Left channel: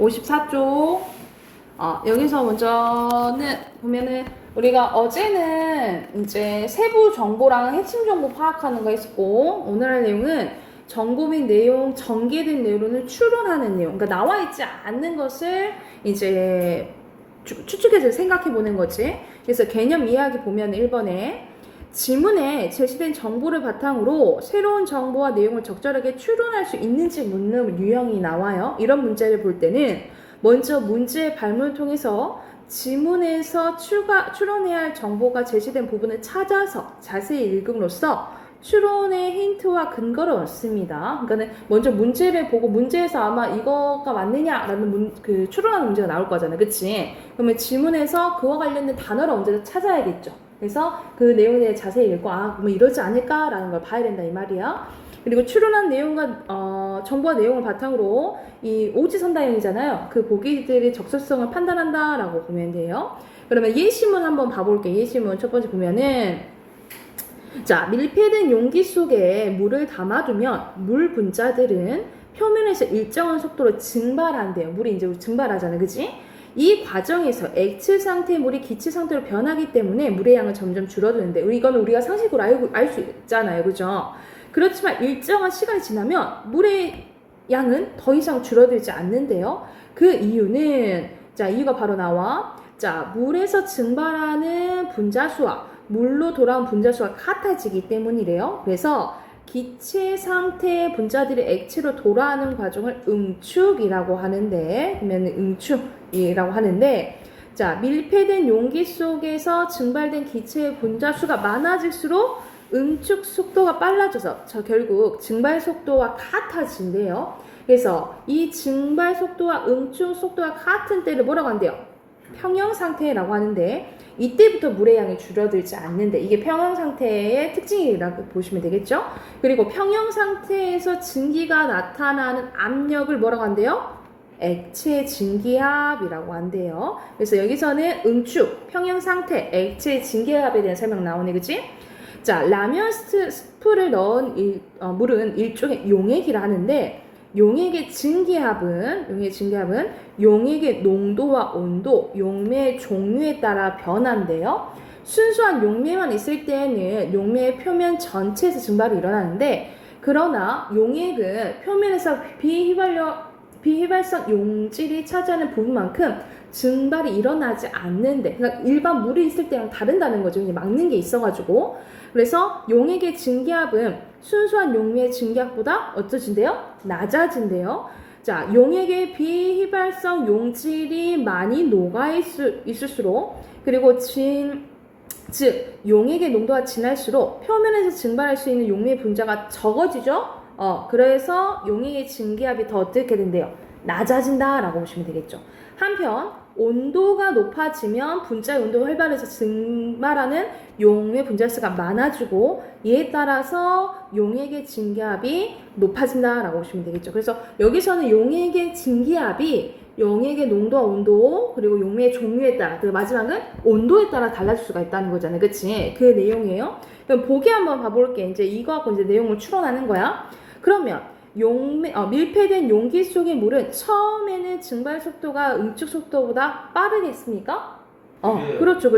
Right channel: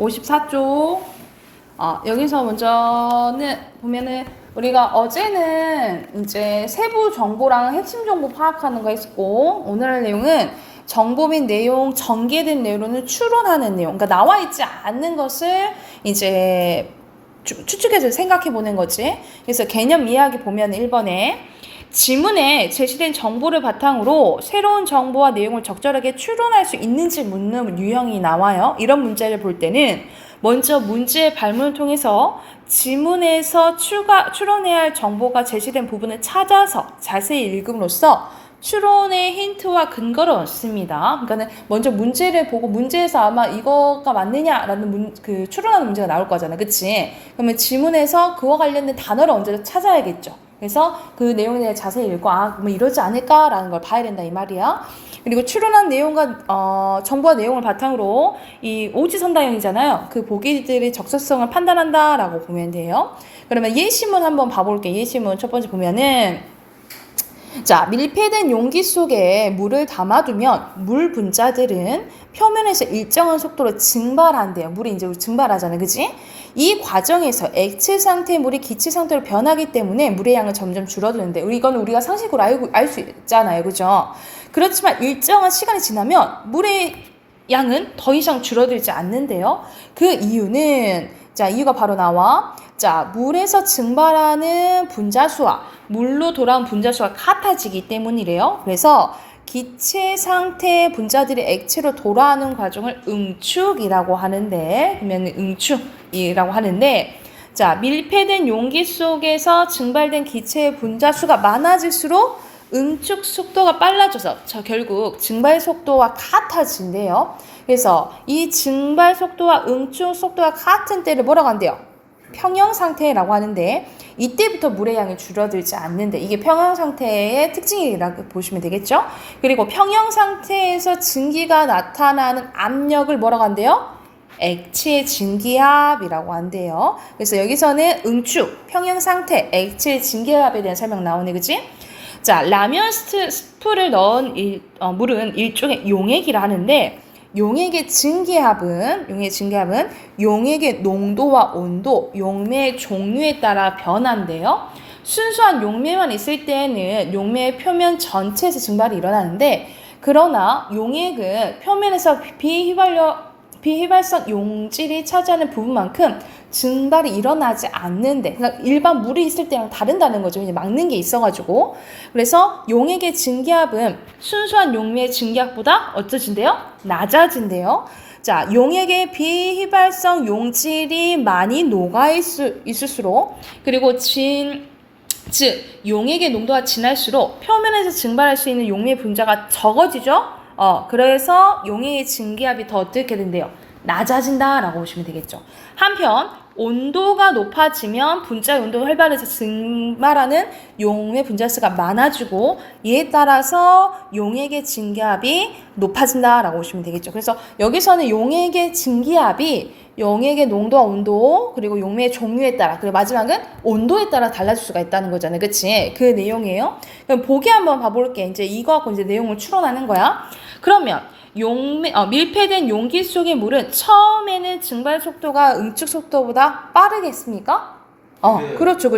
54쪽. 여기서 먼저는 보면은 우리가 어제는 이제 세부 정보랑 핵심 정보 파악하는 거 했고, 오늘 할 내용은 정보 및 내용, 전개된 내용을 추론하는 내용. 그러니까 나와 있지 않는 것을 이제 추측해서 생각해 보는 거지. 그래서 개념 이야기 보면 1번에 지문에 제시된 정보를 바탕으로 새로운 정보와 내용을 적절하게 추론할 수 있는지 묻는 유형이 나와요. 이런 문제를 볼 때는 먼저 문제의 발문을 통해서 지문에서 추론해야 할 정보가 제시된 부분을 찾아서 자세히 읽음으로써 추론의 힌트와 근거를 얻습니다. 그러니까 먼저 문제를 보고 문제에서 아마 이거가 맞느냐라는 추론하는 문제가 나올 거잖아, 그치? 그러면 지문에서 그와 관련된 단어를 먼저 찾아야겠죠. 그래서 그 내용에 대해 자세히 읽고 그러면 이러지 않을까라는 걸 봐야 된다 이 말이야. 그리고 추론한 내용과 정보와 내용을 바탕으로 이 오지선다형이잖아요. 그 보기들의 적절성을 판단한다라고 보면 돼요. 그러면 예시문 한번 봐볼게. 예시문 첫 번째 보면은 자, 밀폐된 용기 속에 물을 담아두면 물 분자들은 표면에서 일정한 속도로 증발한대요. 물이 이제 증발하잖아요, 그지? 이 과정에서 액체 상태의 물이 기체 상태로 변하기 때문에 물의 양은 점점 줄어드는데, 이거는 우리가 상식으로 알 수 있잖아요, 그죠? 그렇지만 일정한 시간이 지나면 물의 양은 더 이상 줄어들지 않는데요. 그 이유는, 자, 이유가 바로 나와. 자, 물에서 증발하는 분자수와 물로 돌아온 분자수가 같아지기 때문이래요. 그래서 기체 상태의 분자들이 액체로 돌아오는 과정을 응축이라고 하는데, 그러면 응축이라고 하는데, 자, 밀폐된 용기 속에서 증발된 기체의 분자수가 많아질수록 응축 속도가 빨라져서 결국 증발 속도와 같아진대요. 그래서 이 증발 속도와 응축 속도가 같은 때를 뭐라고 한대요? 평형 상태라고 하는데, 이때부터 물의 양이 줄어들지 않는데, 이게 평형 상태의 특징이라고 보시면 되겠죠. 그리고 평형 상태에서 증기가 나타나는 압력을 뭐라고 한대요? 액체 증기압이라고 한대요. 그래서 여기서는 응축, 평형 상태, 액체 증기압에 대한 설명 나오네, 그치? 자, 라면 스프를 넣은 물은 일종의 용액이라 하는데, 용액의 증기압은 용액의 농도와 온도, 용매의 종류에 따라 변한대요. 순수한 용매만 있을 때에는 용매의 표면 전체에서 증발이 일어나는데, 그러나 용액은 표면에서 비휘발성 용질이 차지하는 부분만큼 증발이 일어나지 않는데, 그러니까 일반 물이 있을 때랑 다른다는 거죠. 이제 막는 게 있어가지고. 그래서 용액의 증기압은 순수한 용매의 증기압보다 어떠진대요? 낮아진대요. 자, 용액의 비휘발성 용질이 많이 있을수록, 그리고 즉 용액의 농도가 진할수록 표면에서 증발할 수 있는 용매 분자가 적어지죠. 그래서 용액의 증기압이 더 어떻게 된대요? 낮아진다라고 보시면 되겠죠. 한편 온도가 높아지면 분자의 온도가 활발해서 증발하는 용매 분자수가 많아지고, 이에 따라서 용액의 증기압이 높아진다라고 보시면 되겠죠. 그래서 여기서는 용액의 증기압이 용액의 농도와 온도, 그리고 용매의 종류에 따라, 그리고 마지막은 온도에 따라 달라질 수가 있다는 거잖아요, 그치? 그 내용이에요. 그럼 보기 한번 봐볼게. 이제 이거 갖고 이제 내용을 추론하는 거야. 그러면 밀폐된 용기 속의 물은 처음에는 증발 속도가 응축 속도보다 빠르겠습니까? 네. 그렇죠.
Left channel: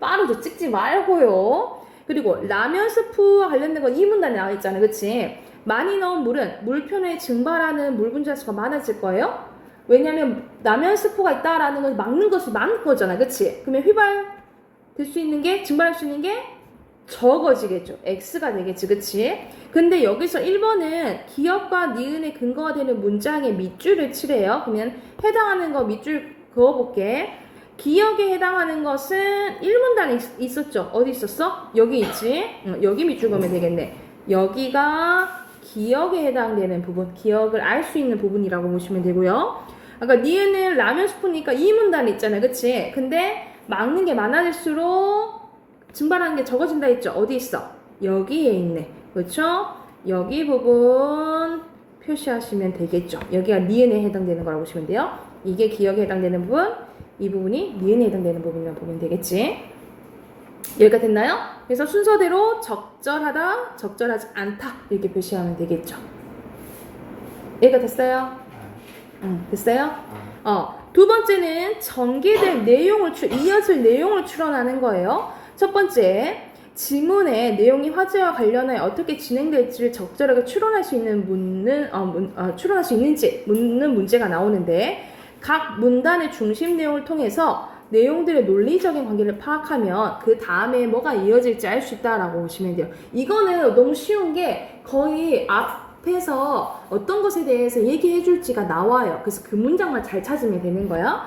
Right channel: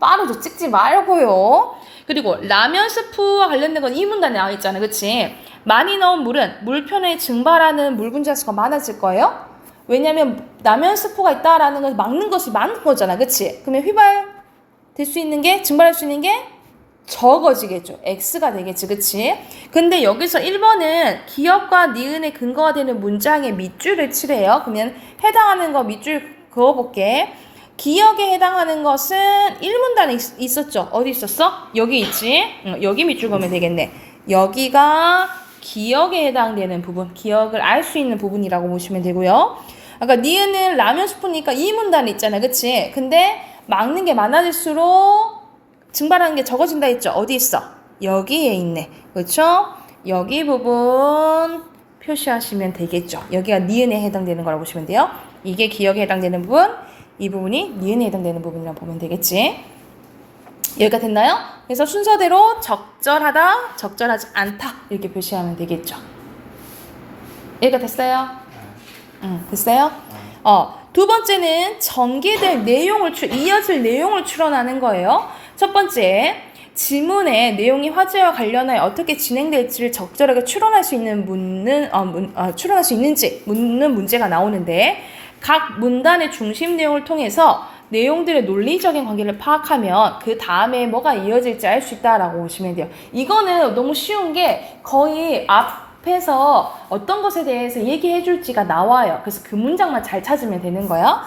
빠르죠. 찍지 말고요. 그리고 라면 스프와 관련된 건 이 문단에 나와 있잖아요, 그치? 많이 넣은 물은 물표면에 증발하는 물 분자수가 많아질 거예요. 왜냐면 라면 스프가 있다라는 걸 막는 것이 많은 거잖아, 그치? 그러면 증발할 수 있는 게 적어지겠죠. X가 되겠지, 그치? 근데 여기서 1번은 기역과 니은의 근거가 되는 문장에 밑줄을 칠해요. 그러면 해당하는 거 밑줄 그어볼게. 기역에 해당하는 것은 1문단에 있었죠. 어디 있었어? 여기 있지? 여기 밑줄 그으면 되겠네. 여기가 기역에 해당되는 부분, 기역을 알 수 있는 부분이라고 보시면 되고요. 아까 니은은 라면 스프니까 2문단에 있잖아, 그치? 근데 막는 게 많아질수록 증발하는 게 적어진다 했죠? 어디 있어? 여기에 있네. 그렇죠? 여기 부분 표시하시면 되겠죠. 여기가 니은에 해당되는 거라고 보시면 돼요. 이게 기역에 해당되는 부분, 이 부분이 니은에 해당되는 부분이라고 보면 되겠지. 여기가 됐나요? 그래서 순서대로 적절하다, 적절하지 않다 이렇게 표시하면 되겠죠. 여기가 됐어요? 됐어요? 두 번째는 전개될 내용을 이어질 내용을 추론하는 거예요. 첫 번째, 지문의 내용이 화제와 관련하여 어떻게 진행될지를 적절하게 추론할 수 있는 추론할 수 있는지 묻는 문제가 나오는데, 각 문단의 중심 내용을 통해서 내용들의 논리적인 관계를 파악하면 그 다음에 뭐가 이어질지 알 수 있다라고 보시면 돼요. 이거는 너무 쉬운 게 거의 앞에서 어떤 것에 대해서 얘기해 줄지가 나와요. 그래서 그 문장만 잘 찾으면 되는 거예요.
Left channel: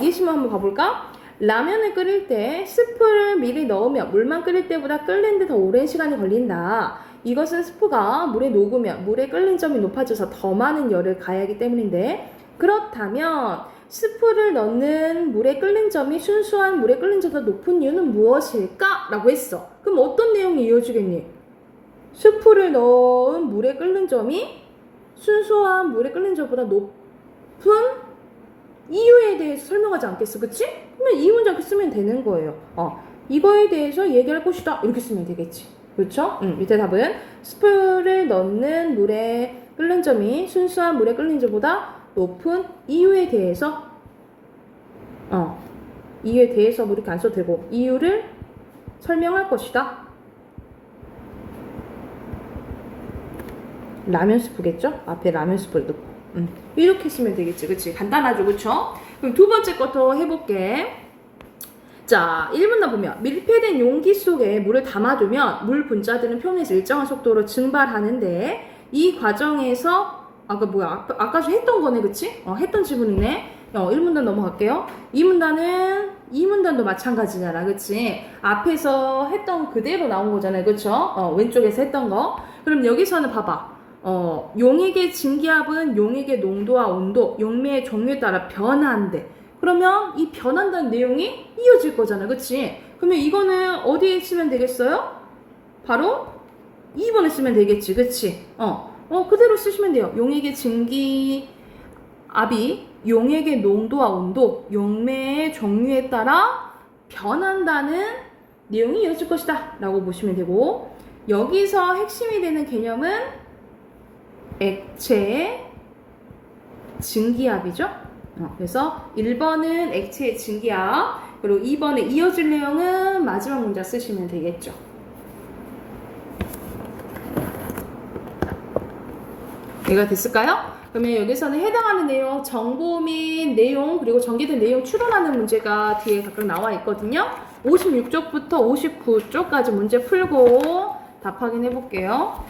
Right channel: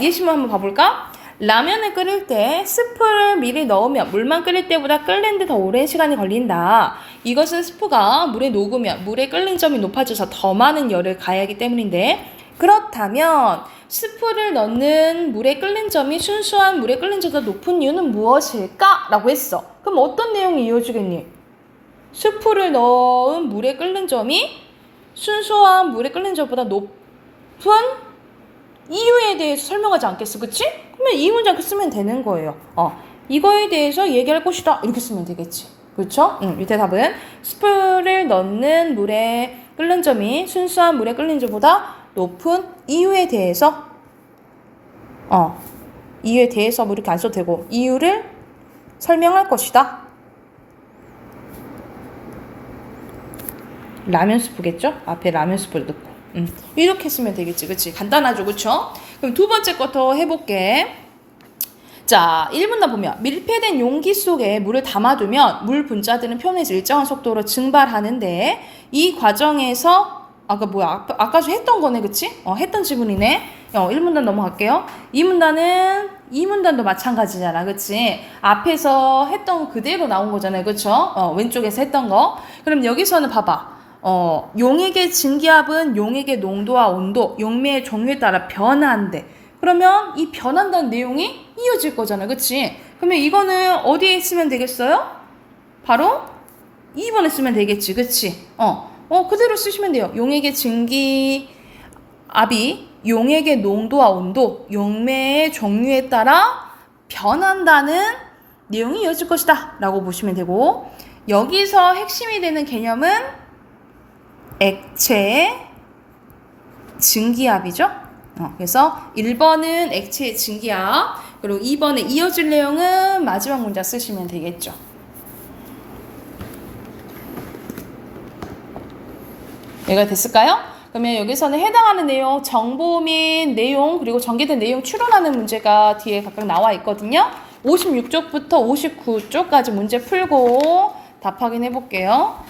예시문 한번 봐볼까? 라면을 끓일 때 스프를 미리 넣으면 물만 끓일 때보다 끓는데 더 오랜 시간이 걸린다. 이것은 스프가 물에 녹으면 물의 끓는 점이 높아져서 더 많은 열을 가해하기 때문인데, 그렇다면 스프를 넣는 물의 끓는 점이 순수한 물의 끓는 점보다 높은 이유는 무엇일까? 라고 했어. 그럼 어떤 내용이 이어지겠니? 스프를 넣은 물의 끓는 점이 순수한 물의 끓는 점보다 높은 이유에 대해서 설명하지 않겠어, 그치? 그러면 이 문장 쓰면 되는 거예요. 이거에 대해서 얘기할 것이다, 이렇게 쓰면 되겠지, 그렇죠? 밑에 답은 스프를 넣는 물의 끓는 점이 순수한 물의 끓는 점보다 높은 이유에 대해서 이유에 대해서 뭐 이렇게 안 써도 되고 이유를 설명할 것이다. 라면 스프겠죠? 앞에 라면 스프를 넣고 이렇게 쓰면 되겠지, 그치? 간단하죠, 그쵸? 그럼 두 번째 거 더 해볼게. 자, 1문단 보면 밀폐된 용기 속에 물을 담아두면 물 분자들은 표면에서 일정한 속도로 증발하는데, 이 과정에서 아까 좀 했던 거네, 그치? 했던 지문이네. 1문단 넘어갈게요. 2문단도 마찬가지잖아, 그치? 앞에서 했던 그대로 나온 거잖아요, 그쵸? 왼쪽에서 했던 거. 그럼 여기서는 봐봐. 용액의 증기압은 용액의 농도와 온도, 용매의 종류에 따라 변화한대. 그러면 이 변한다는 내용이 이어질 거잖아요, 그치? 그러면 이거는 어디에 쓰면 되겠어요? 바로 2번에 쓰면 되겠지, 그치? 그대로 쓰시면 돼요. 용액의 증기압이 용액의 농도와 온도, 용매의 종류에 따라 변한다는 내용이 이어질 것이다 라고 보시면 되고, 여기서 핵심이 되는 개념은 액체의 증기압이죠. 그래서 1번은 액체의 증기압, 그리고 2번에 이어질 내용은 마지막 문장 쓰시면 되겠죠. 이거 됐을까요? 그러면 여기서는 해당하는 내용, 정보 및 내용, 그리고 전개된 내용 추론하는 문제가 뒤에 각각 나와 있거든요. 56쪽부터 59쪽까지 문제 풀고 답 확인해 볼게요.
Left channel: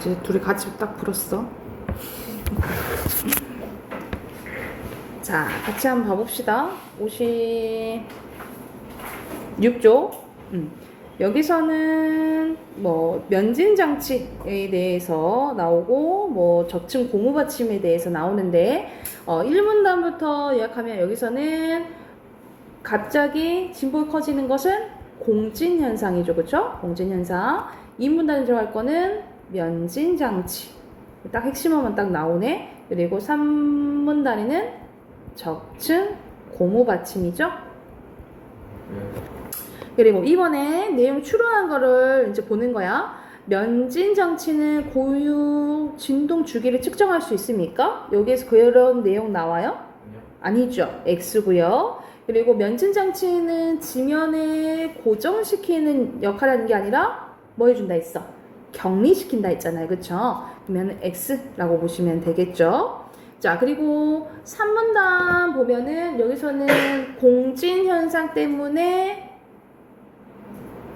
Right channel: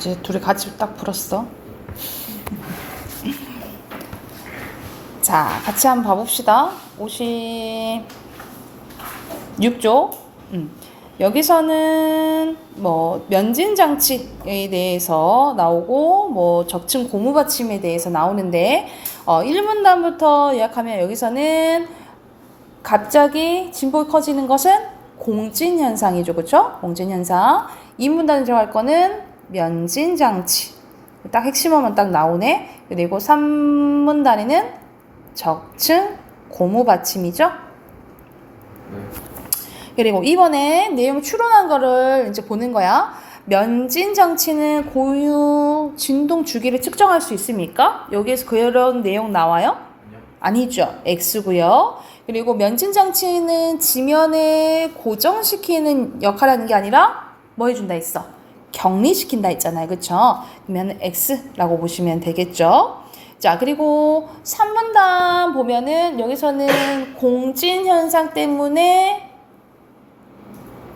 이제 둘이 같이 딱 불었어. 자, 같이 한번 봐봅시다. 56쪽. 여기서는 뭐 면진 장치에 대해서 나오고 뭐 적층 고무 받침에 대해서 나오는데 1문단부터 요약하면 여기서는 갑자기 진폭이 커지는 것은 공진 현상이죠. 그렇죠? 공진 현상. 2문단에 들어갈 거는 면진 장치. 딱 핵심어만 딱 나오네. 그리고 3문단에는 적층 고무 받침이죠. 그리고 이번에 내용 추론한 거를 이제 보는 거야. 면진 장치는 고유 진동 주기를 측정할 수 있습니까? 여기에서 그런 내용 나와요? 아니죠. X고요. 그리고 면진 장치는 지면에 고정시키는 역할을 하는 게 아니라 뭐 해준다 했어? 격리시킨다 했잖아요. 그쵸? 그러면 X라고 보시면 되겠죠. 자, 그리고 3문단 보면은 여기서는 공진 현상 때문에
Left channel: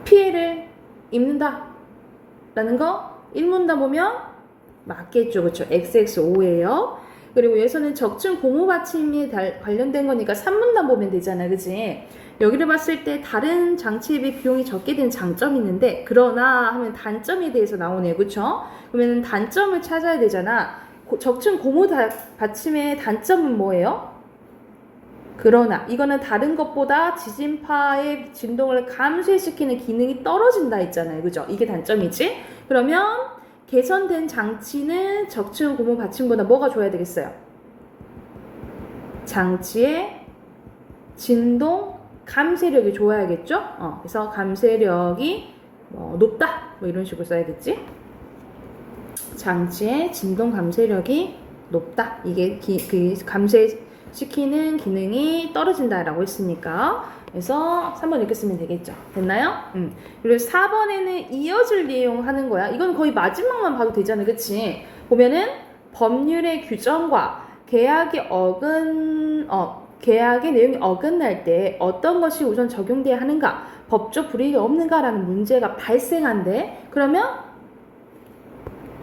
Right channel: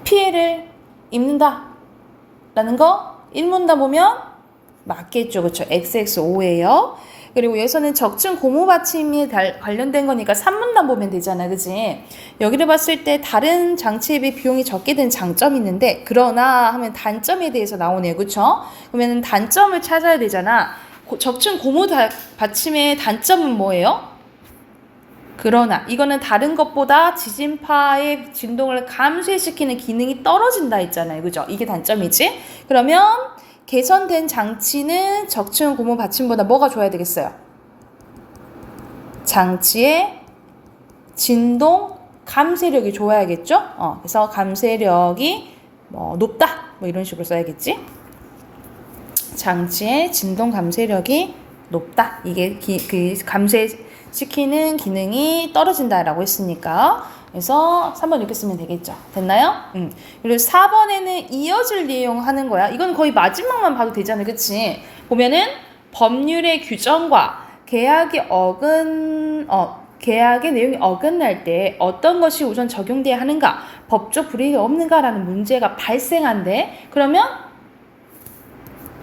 피해를 입는다 라는 거 1문단 보면 맞겠죠. 그쵸? XXO예요. 그리고 여기서는 적층 고무 받침이 관련된 거니까 3문단 보면 되잖아. 그치? 여기를 봤을 때 다른 장치에 비해 비용이 적게 든 장점이 있는데 그러나 하면 단점에 대해서 나오네요. 그쵸? 그러면 단점을 찾아야 되잖아. 적층 고무 받침의 단점은 뭐예요? 그러나 이거는 다른 것보다 지진파의 진동을 감소시키는 기능이 떨어진다 했잖아요. 그죠? 이게 단점이지? 그러면 개선된 장치는 적층 고무 받침보다 뭐가 좋아야 되겠어요? 장치의 진동 감쇄력이 좋아야겠죠? 그래서 감쇄력이 높다 뭐 이런 식으로 써야겠지? 장치의 진동 감쇄력이 높다. 이게 그 감쇄시키는 기능이 떨어진다라고 했으니까 그래서 3번 이렇게 쓰면 되겠죠. 됐나요? 그리고 4번에는 이어질 내용 하는 거야. 이건 거의 마지막만 봐도 되잖아요. 그치? 보면은 법률의 규정과 계약의 내용이 어긋날 때 어떤 것이 우선 적용돼야 하는가, 법적 불이익이 없는가라는 문제가 발생한대. 그러면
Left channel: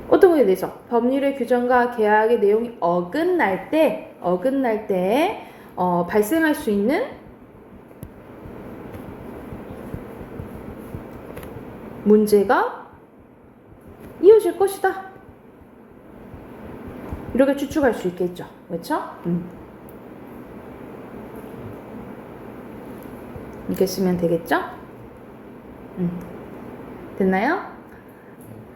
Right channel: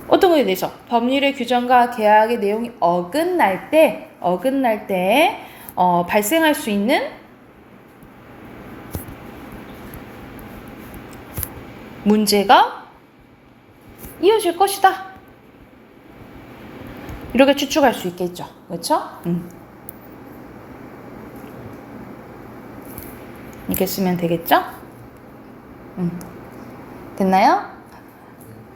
어떤 거에 대해서 법률의 규정과 계약의 내용이 어긋날 때 발생할 수 있는 문제가 이어질 것이다. 이렇게 추측할 수 있겠죠. 그렇죠? 이렇게 쓰면 되겠죠? 됐나요?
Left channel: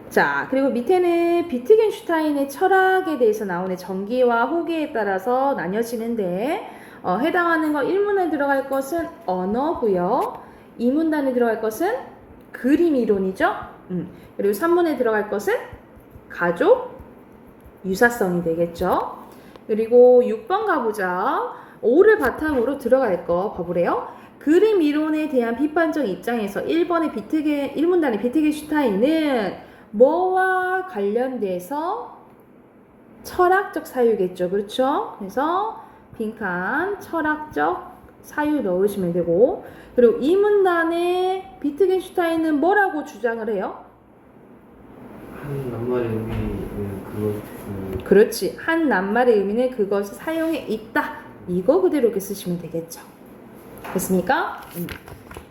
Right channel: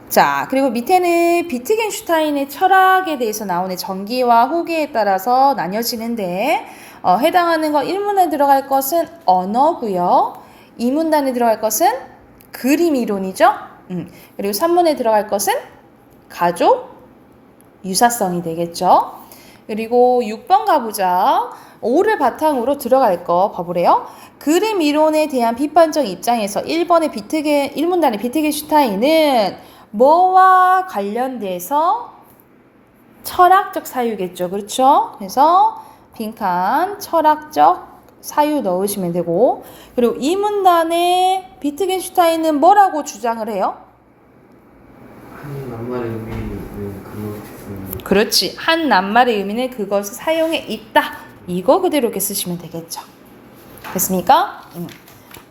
자, 그리고 밑에는 비트겐슈타인의 철학에 대해서 나오는 전기와 호기에 따라서 나뉘어지는데 해당하는 거 1문에 들어갈 것은 언어고요. 2문단에 들어갈 것은 그림 이론이죠. 그리고 3문에 들어갈 것은 가족 유사성이 되겠죠. 그리고 6번 가보자. 5를 바탕으로 들어갈 거 봐보래요. 그림 이론에 대한 비판적 입장에서 1문단의 비트겐슈타인은 뭐와 관련돼서 철학적 사유겠죠. 그렇죠? 그래서 빈칸 철학적 사유 넣으시면 되고, 그리고 이 문단에 비트겐슈타인은 뭐라고 주장을 해요? 한 낱말의 의미는 그렇지. 한 낱말의 의미는 그것을 사용해 있다. 이거 그대로 이렇게 쓰시면 되겠죠. 됐습니까?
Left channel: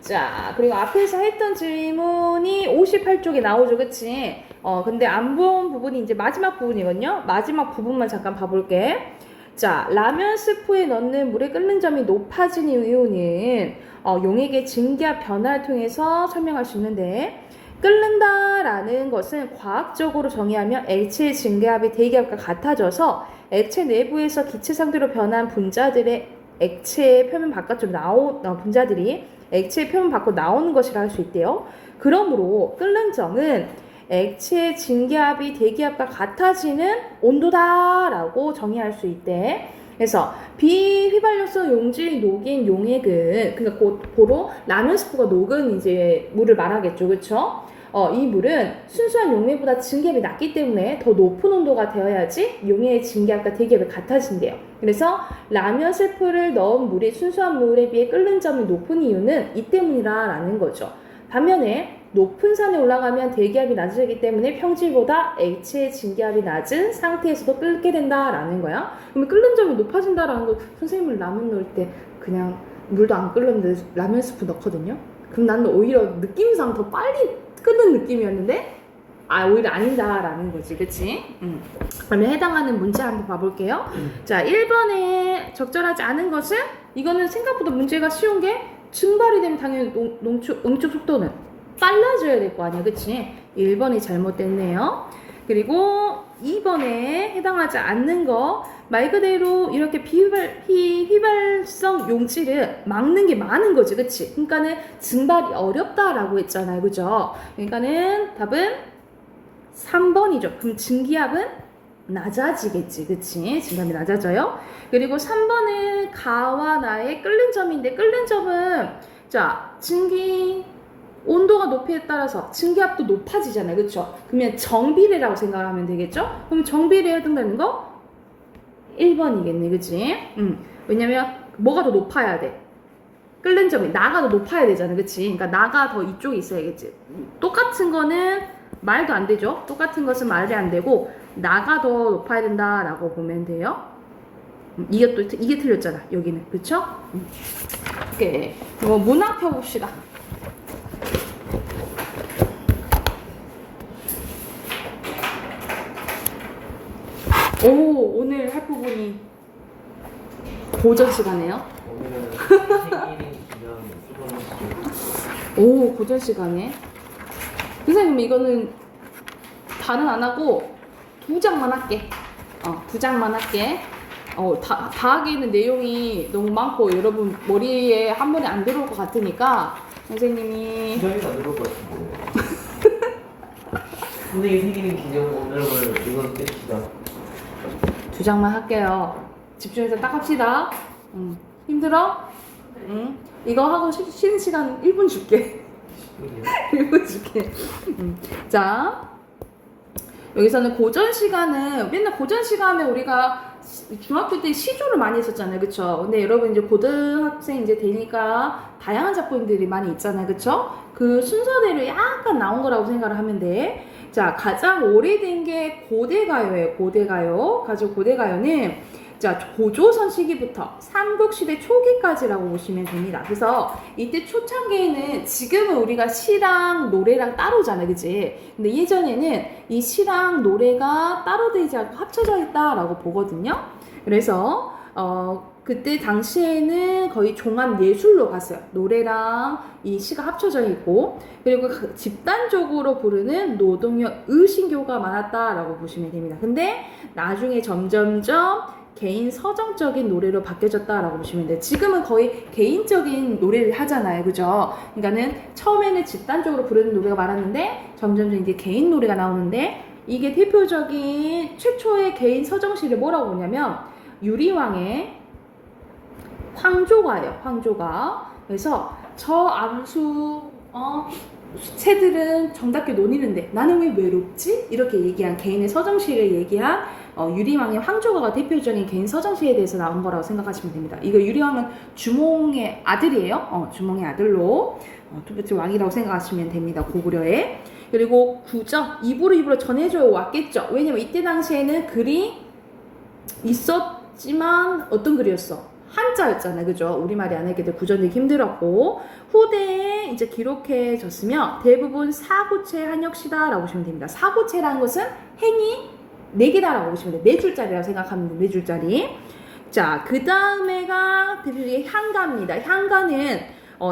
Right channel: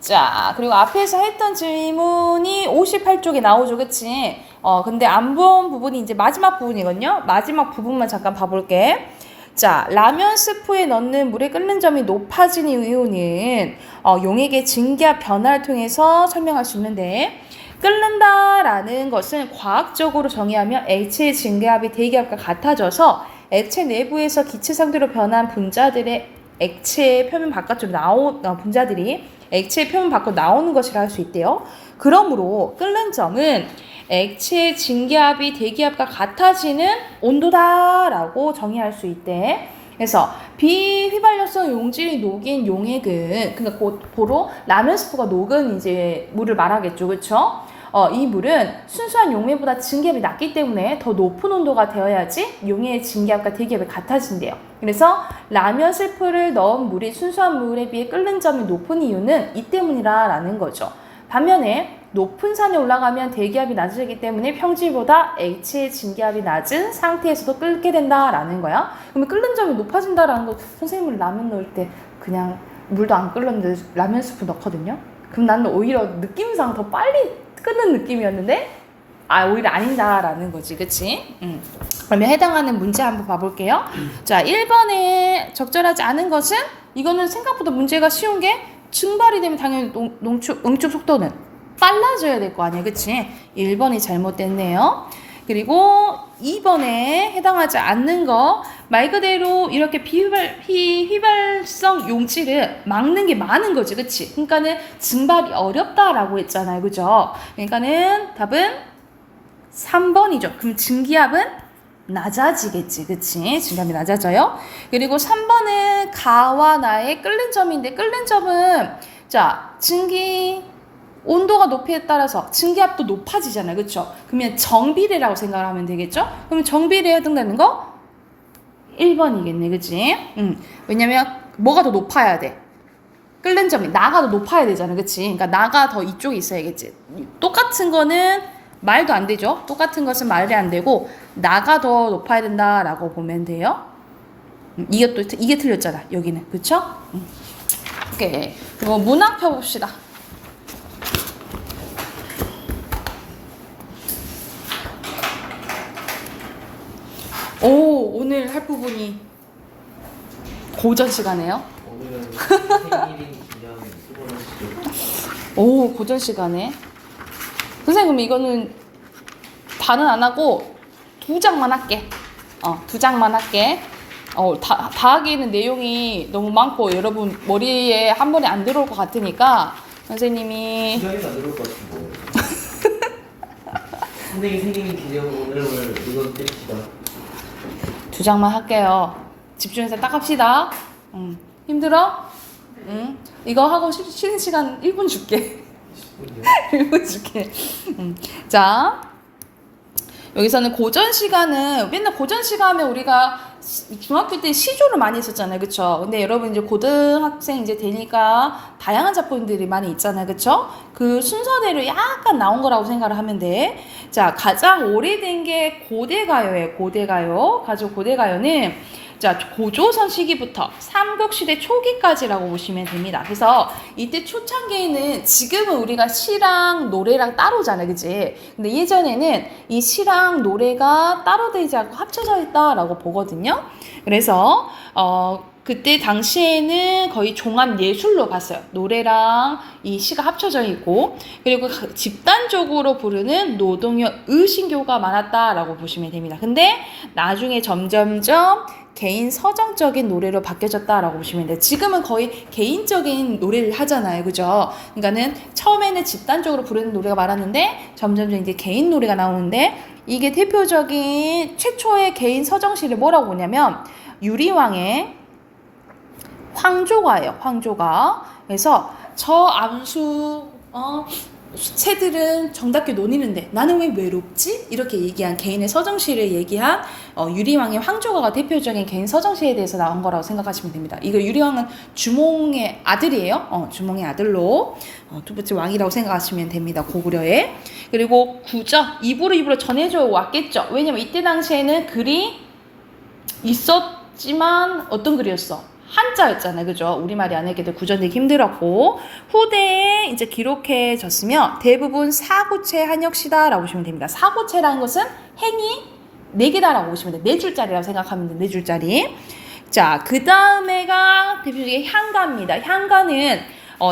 자, 그리고 앞에서 했던 질문이 58쪽에 나오죠. 그치? 근데 안 본 부분이 이제 마지막 부분이거든요. 마지막 부분만 잠깐 봐볼게. 자, 라면 스프에 넣는 물의 끓는 점이 높아지는 이유는 용액의 증기압 변화를 통해서 설명할 수 있는데, 끓는다라는 것은 과학적으로 정의하면 액체의 증기압이 대기압과 같아져서 액체 내부에서 기체 상태로 변한 분자들의 액체의 표면 바깥으로 분자들이 액체의 표면 밖으로 나오는 것이라 할 수 있대요. 그러므로 끓는 점은 액체의 증기압이 대기압과 같아지는 온도다라고 정의할 수 있대. 그래서 비휘발유성 용질이 녹인 용액은, 그러니까 고로 라면 스프가 녹은 이제 물을 말하겠죠, 그렇죠? 이 물은 순수한 용액보다 증기압이 낮기 때문에 더 높은 온도가 되어야지 용액의 증기압과 대기압이 같아진대요. 그래서 라면 스프를 넣은 물이 순수한 물에 비해 끓는 점이 높은 이유는 이 때문이라는 거죠. 반면에 높은 산에 올라가면 대기압이 낮아지기 때문에 평지보다 액체의 증기압이 낮은 상태에서도 끓게 된다라는 거야. 그러면 끓는 점이 높아진다라는 거, 선생님은 라면 넣을 때 그냥 물도 안 끓는데 라면 스프 넣거든요. 그럼 나는 오히려 느낌상 더 빨리 끊는 느낌이었는데 오히려 아니다라는 거지, 그치? 그러면 해당하는 문제 한번 봐볼게요. 자, 1번에 적절하지 않은 것은 이거는 생각보다 문제가 쉬운 게 증발이 되면 당연히 응축 속도는 빨라져야 될 거 아니에요, 그치? 1번이 잘못됐네요. 그리고 2번에 해당하지 않는 거 말 그대로 이렇게 비휘발성 용질을 막는 게 많은 거지, 그치? 그러니까는 증발이 어렵다라고 했잖아요, 그죠? 그러니까는 답은 3번이죠. 그럼 증기압은 낮아지겠지, 그치? 증기압이 낮아져요. 그리고 3번은 가와 나의 끓는 점인데 끓는 점은 자 증기 온도가 높이에 따라서 증기압도 높아지잖아요, 그렇죠? 그러면 정비례라고 생각을 하면 되겠죠? 그러면 정비례에 해당되는 거 1번이겠네, 그치? 왜냐면 뭐가 더 높아야 돼? 끓는 점이 나가 더 높아야 되잖아, 그치? 그러니까 나가 더 이쪽에 있어야겠지. 똑같은 거는 말도 안 되죠? 똑같은 것은 말이 안 되고 나가 더 높아야 된다라고 보면 돼요. 이게 틀렸잖아, 여기는, 그쵸? 오케이. 그리고 문학 펴봅시다. 오늘 할 부분이 고전 시간이에요. 오늘은 생일인 기념 수고하시죠. 고전 시간에. 선생님, 이거는 다는 안 하고 2장만 할게. 2장만 할게. 다 하기에는 내용이 너무 많고 여러분 머리에 한 번에 안 들어올 것 같으니까 선생님이 기념이 안 들어올 것 같은데. 선생님 생일인 기념 오늘을 이건 뗍시다. 2장만 할게요. 집중해서 딱 합시다. 힘들어? 이거 하고 쉬는 시간 1분 줄게. 1분 줄게. 자, 여기서는 고전 시간은 맨날 고전 시간에 우리가 중학교 때 시조를 많이 했었잖아요, 그쵸? 근데 여러분 이제 고등학생 이제 되니까 다양한 작품들이 많이 있잖아요, 그쵸? 그 순서대로 약간 나온 거라고 생각을 하면 돼. 자, 가장 오래된 게 고대가요예요, 고대가요. 가지고 고대가요는 자, 고조선 시기부터 삼국시대 초기까지라고 보시면 됩니다. 그래서 이때 초창기에는 지금은 우리가 시랑 노래랑 따로잖아요, 그치? 근데 예전에는 이 시랑 노래가 따로 되지 않고 합쳐져 있다라고 보거든요. 그래서 그때 당시에는 거의 종합 예술로 봤어요. 노래랑 이 시가 합쳐져 있고, 그리고 집단적으로 부르는 노동요 의신교가 많았다라고 보시면 됩니다. 근데 나중에 점점점 개인 서정적인 노래로 바뀌어졌다라고 보시면 돼요. 지금은 거의 개인적인 노래를 하잖아요, 그죠? 그러니까는 처음에는 집단적으로 부르는 노래가 많았는데 점점 이제 개인 노래가 나오는데, 이게 대표적인 최초의 개인 서정시를 뭐라고 보냐면 유리왕의 황조가예요, 황조가. 그래서 저 암수 새들은 정답게 논이는데 나는 왜 외롭지? 이렇게 얘기한 개인의 서정시를 얘기한 유리왕의 황조가가 대표적인 개인 서정시에 대해서 나온 거라고 생각하시면 됩니다. 이거 유리왕은 주몽의 아들이에요. 주몽의 아들로 두 번째 왕이라고 생각하시면 됩니다, 고구려에. 그리고 구저 입으로 전해져 왔겠죠. 왜냐면 이때 당시에는 글이 있었지만 어떤 글이었어? 한자였잖아요, 그죠? 우리말이 안 하기도 구전되기 힘들었고, 후대에 이제 기록해졌으며 대부분 사구체 한역시다라고 보시면 됩니다. 사구체라는 것은 행이 4개다라고 보시면 돼요. 4줄짜리라고 생각하면 돼요, 4줄짜리. 자, 그 다음에가 대표적인 향가입니다. 향가는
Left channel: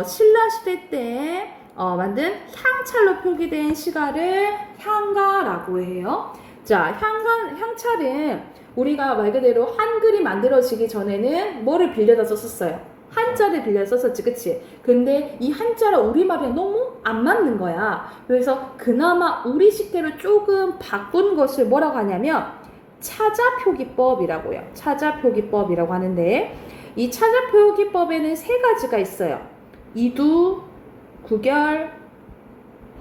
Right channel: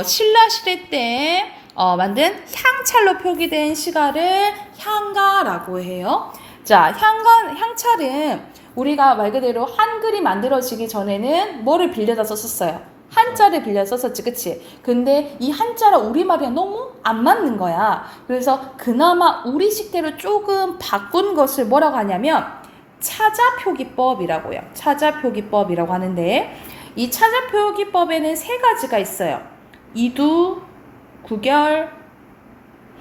신라시대 때 만든 향찰로 표기된 시가를 향가라고 해요. 자, 향찰은 우리가 말 그대로 한글이 만들어지기 전에는 뭐를 빌려다 썼었어요? 한자를 빌려 썼었지, 그치? 근데 이 한자랑 우리말이랑 너무 안 맞는 거야. 그래서 그나마 우리 식대로 조금 바꾼 것을 뭐라고 하냐면 차자표기법이라고 해요. 차자표기법이라고 하는데, 이 차자표기법에는 3가지가 있어요. 이두, 구결,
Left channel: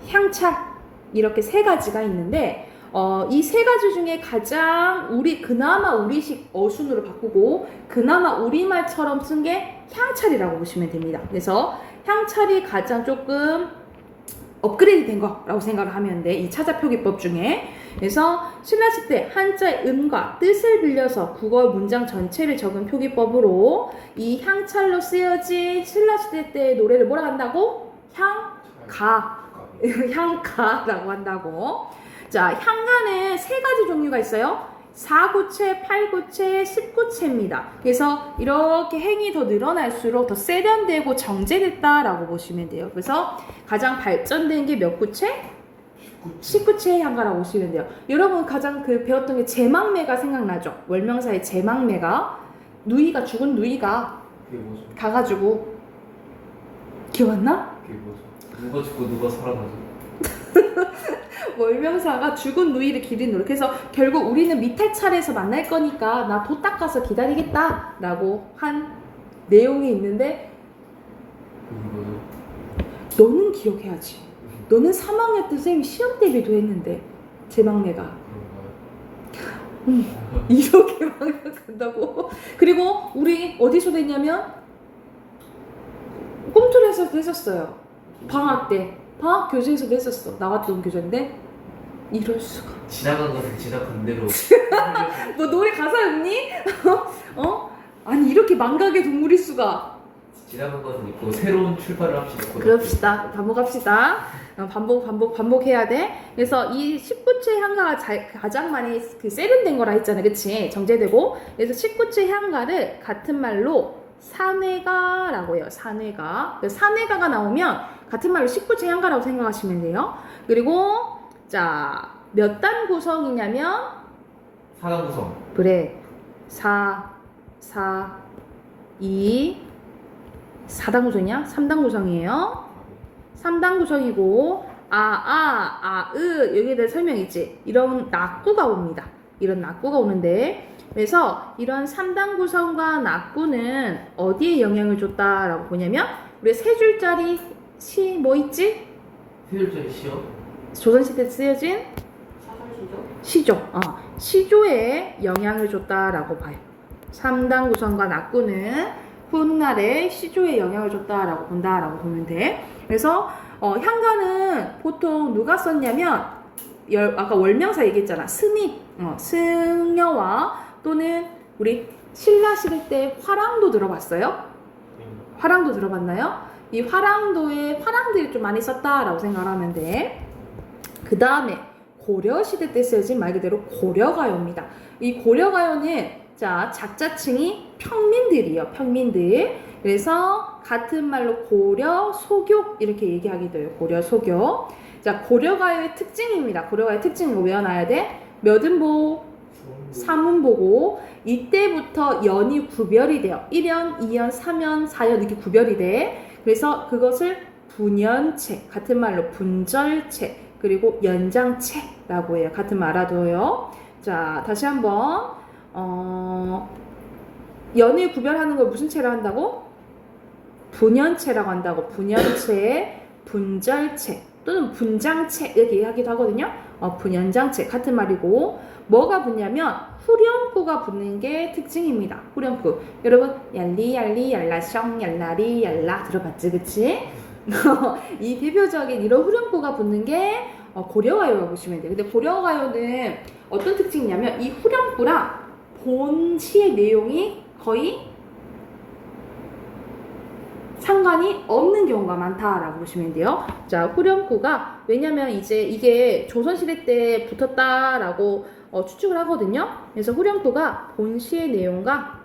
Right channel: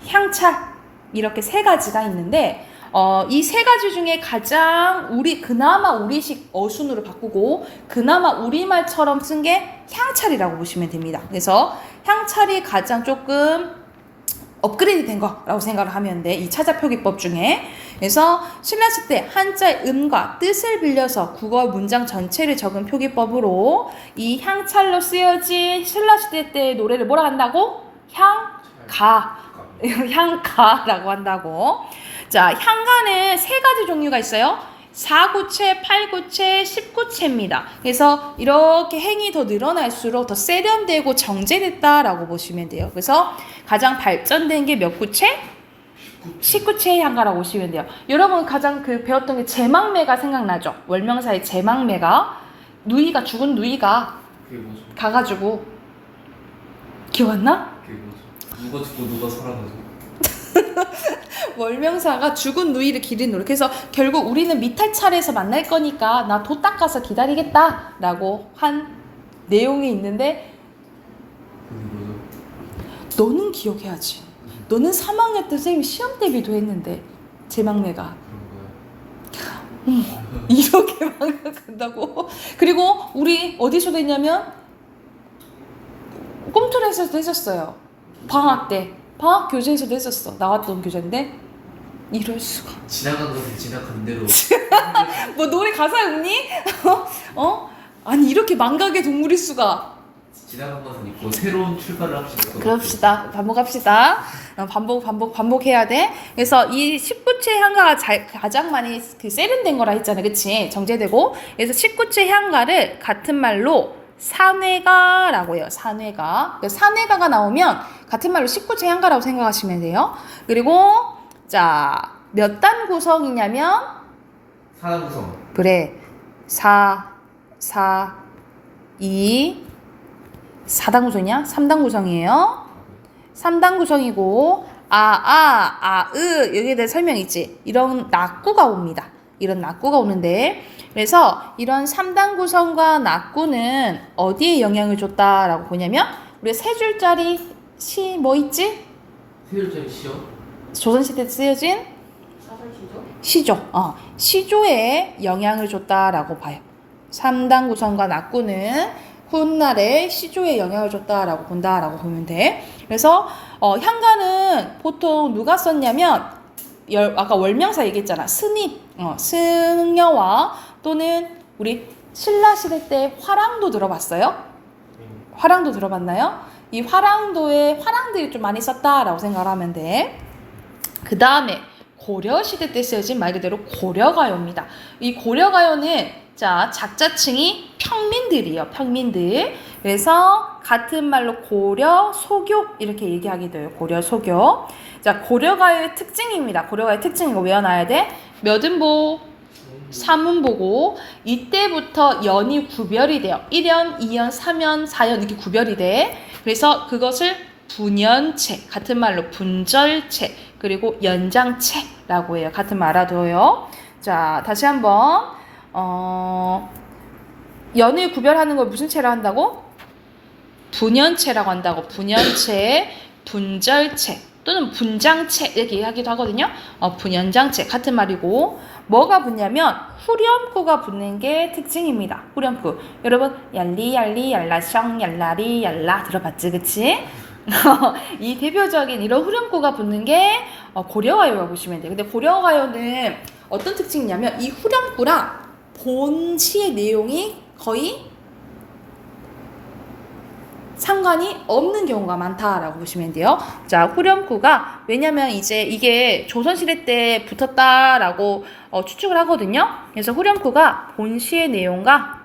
향찰, 이렇게 3가지가 있는데, 이 3가지 중에 가장 그나마 우리식 어순으로 바꾸고 그나마 우리말처럼 쓴 게 향찰이라고 보시면 됩니다. 그래서 향찰이 가장 조금 업그레이드 된 거라고 생각을 하면 돼, 이 차자표기법 중에. 그래서 신라시대 때 한자의 음과 뜻을 빌려서 국어 문장 전체를 적은 표기법으로 이 향찰로 쓰여진 신라시대 때 노래를 뭐라 한다고? 향가. 향가라고 한다고. 자, 향가는 세 가지 종류가 있어요. 4구체, 8구체, 10구체입니다. 그래서 이렇게 행이 더 늘어날수록 더 세련되고 정제됐다라고 보시면 돼요. 그래서 가장 발전된 게 몇 구체? 19체의 향가라고 보시면 돼요. 여러분 가장 배웠던 게 제망매가 생각나죠? 월명사의 제망매가 누이가 죽은 누이가 그게 뭐죠? 가가지고 기억 안 나? 그게 뭐죠? 누가 죽고 누가 살아나죠? 월명사가 죽은 누이를 기리노래. 그래서 결국 우리는 미탈찰에서 만날 거니까 나 도 닦아서 기다리겠다 라고 한 내용이 있는데 그게 뭐죠? 너는 기억해야지. 너는 3학년 때 선생님이 시험 대비도 했는데 제망매가 그런가요? 이렇게 망각한다고. 그리고 우리 어디서도 했냐면 꿈틀에서도 했었어요. 방학 때 방학 교재에서도 했었어. 나왔던 교재인데 이럴 수가. 지나간 것은 지나간 대로 뭐 노래 가사 없니? 아니 이렇게 망각의 동물일 수가. 지나간 것은 있고 새로운 출발을 합시다. 그럽시다. 반복합시다. 반복해야 돼. 그래서 이 19체 향가가 가장 많이 세련된 거라 했잖아. 그치? 정제되고. 그래서 19체 향가를 같은 말로 산회가라고 해요. 산회가. 산회가가 나오면 같은 말로 19체 향가라고 생각하시면 돼요. 그리고 자, 몇 단 구성이냐면 사람 구성. 그래. 4단 구성이야? 3단 구성이에요. 3단 구성이고 여기에 대한 설명이 있지. 이런 낙구가 옵니다. 이런 낙구가 오는데 그래서 이런 3단 구성과 낙구는 어디에 영향을 줬다라고 보냐면 우리가 세 줄짜리 시 뭐 있지? 세 줄짜리 시요? 조선시대 때 쓰여진 시조. 시조에 영향을 줬다라고 봐요. 3단 구성과 낙구는 훗날에 시조에 영향을 줬다라고 본다라고 보면 돼. 그래서 향가는 보통 누가 썼냐면 아까 월명사 얘기했잖아. 승려와 또는 우리 신라 시대 때 화랑도 들어봤어요? 화랑도 들어봤나요? 이 화랑도에 화랑들이 좀 많이 썼다라고 생각을 하면 돼. 그 다음에 고려시대 때 쓰여진 말 그대로 고려가요입니다. 이 고려가요는 자, 작자층이 평민들이에요. 평민들. 그래서 같은 말로 고려, 소교 이렇게 얘기하기도 해요. 고려, 소교. 자, 고려가요의 특징입니다. 고려가요의 특징 이거 외워놔야 돼. 몇 음보, 3음보고 이때부터 연이 구별이 돼요. 1연, 2연, 3연, 4연 이렇게 구별이 돼. 그래서 그것을 분연체, 같은 말로 분절체, 그리고 연장체라고 해요. 같은 말 알아둬요. 자, 다시 한번 연을 구별하는 걸 무슨 체라 한다고? 분연체라고 한다고. 분연체, 분절체 또는 분장체 이렇게 하기도 하거든요. 분연장체 같은 말이고 뭐가 붙냐면 후렴구가 붙는 게 특징입니다. 후렴구. 여러분 얄리 얄리 얄라셩 얄라리 얄라 들어봤지 그치? 이 대표적인 이런 후렴구가 붙는 게 고려가요라고 보시면 돼요. 근데 고려가요는 어떤 특징이냐면 이 후렴구랑 본시의 내용이 거의 상관이 없는 경우가 많다라고 보시면 돼요. 자, 후렴구가 왜냐면 이제 이게 조선시대 때 붙었다라고 추측을 하거든요. 그래서 후렴구가 본시의 내용과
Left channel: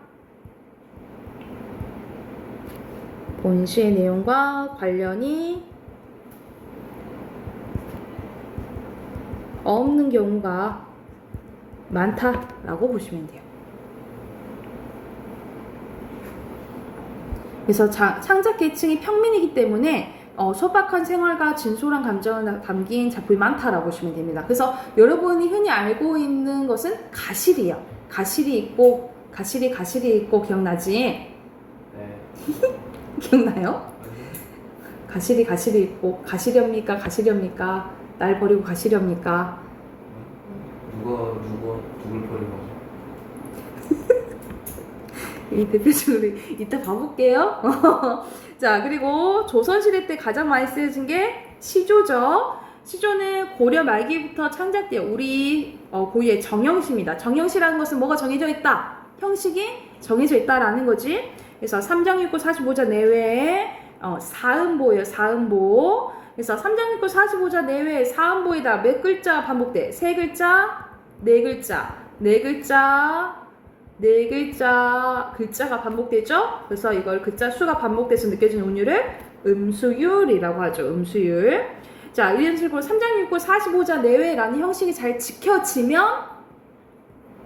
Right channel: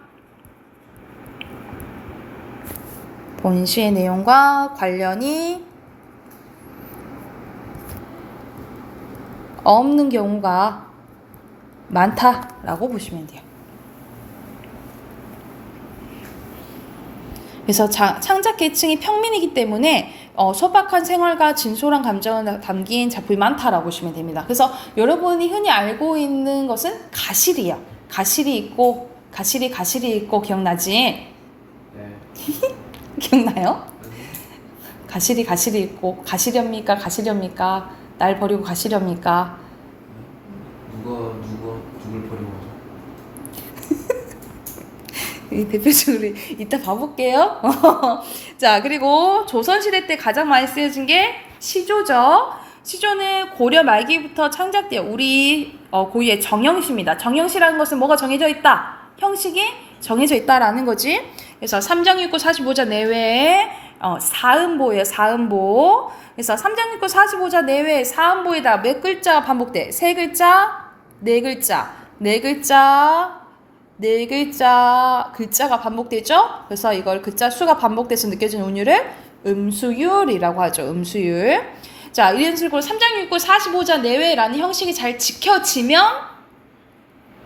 관련이 없는 경우가 많다라고 보시면 돼요. 그래서 창작 계층이 평민이기 때문에 소박한 생활과 진솔한 감정을 담긴 작품이 많다라고 보시면 됩니다. 그래서 여러분이 흔히 알고 있는 것은 가실이에요. 가실이 있고 가실이 있고 기억나지? 네. 기억나요? 가실이 있고 가시렵니까? 날 버리고 가시렵니까? 누굴 버린 거죠? 대표적으로 이따 봐볼게요. 자, 그리고 조선시대 때 가장 많이 쓰여진 게 시조죠. 시조는 고려 말기부터 창작돼요. 우리 고유의 정형시입니다. 정형시라는 것은 뭐가 정해져 있다? 형식이 정해져 있다라는 거지. 그래서 3정 6구 45자 내외에 사음보예요. 사음보. 그래서 3장 6구 45자 내외 사음보에다 몇 글자가 반복돼? 세 글자, 네 글자, 네 글자, 네 글자, 글자가 반복되죠? 그래서 이걸 글자 수가 반복돼서 느껴지는 운율을 음수율이라고 하죠. 음수율. 자, 이런 식으로 3장 6구 45자 내외라는 형식이 잘 지켜지면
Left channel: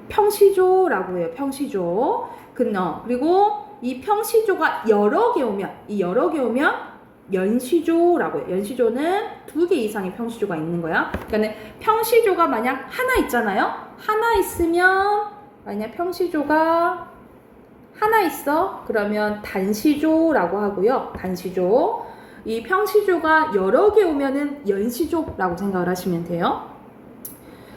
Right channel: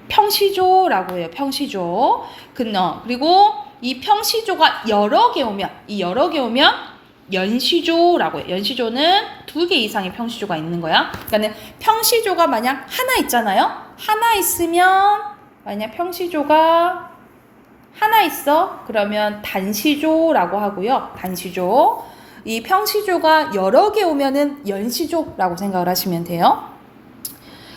평시조라고 해요. 평시조. 그리고 이 평시조가 여러 개 오면, 연시조라고 해요. 연시조는 2개 이상의 평시조가 있는 거야. 그러니까 평시조가 만약 하나 있잖아요. 하나 있으면, 만약 평시조가 하나 있어. 그러면 단시조라고 하고요. 단시조. 이 평시조가 여러 개 오면은 연시조라고 생각을 하시면 돼요.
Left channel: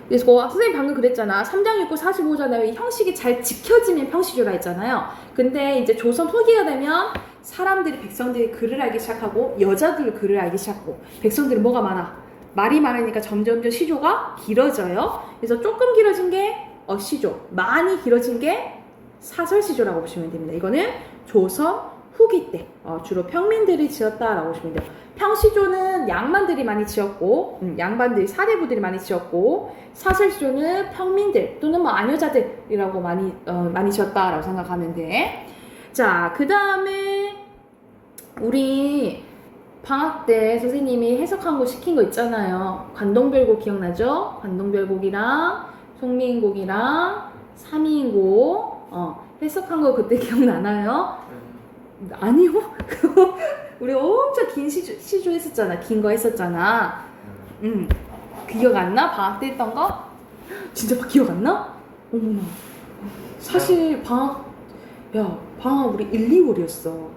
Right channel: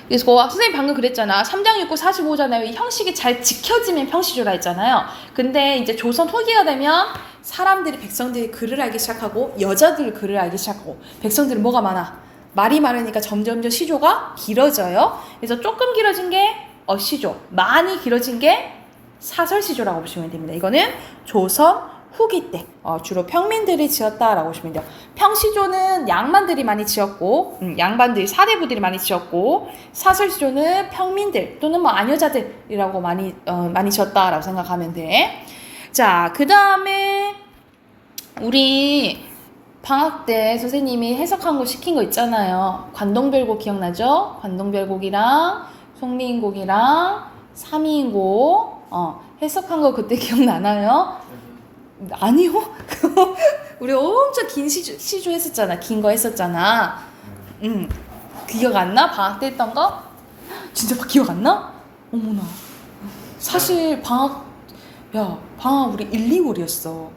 그래서 선생님 방금 그랬잖아. 3장 6구 45잖아요. 이 형식이 잘 지켜지면 평시조라 했잖아요. 근데 이제 조선 후기가 되면 사람들이, 백성들이 글을 알기 시작하고 여자들 글을 알기 시작하고 백성들은 뭐가 많아? 말이 많으니까 점점 시조가 길어져요. 그래서 조금 길어진 게 어시조, 많이 길어진 게 사설시조라고 보시면 됩니다. 이거는 조선 후기 때 주로 평민들이 지었다라고 보시면 돼요. 평시조는 양반들이 많이 지었고, 양반들이 사대부들이 많이 지었고, 사설시조는 평민들 또는 뭐 아녀자들이라고 많이 지었다라고 생각하면 돼. 자, 그 다음에 우리 방학 때 선생님이 해석한 거 시킨 거 있잖아요. 관동별곡 기억나죠? 관동별곡이랑 송미인곡이랑 삼이인곡 해석한 거 그때 기억나나요? 아니요. 우리 엄청 긴 시조 했었잖아. 긴 거 했었잖아. 기억 안 나? 방학 때 했던 거? 진짜 기억 안 나? 어머나. 사실 방학 우리 1, 2월이었어.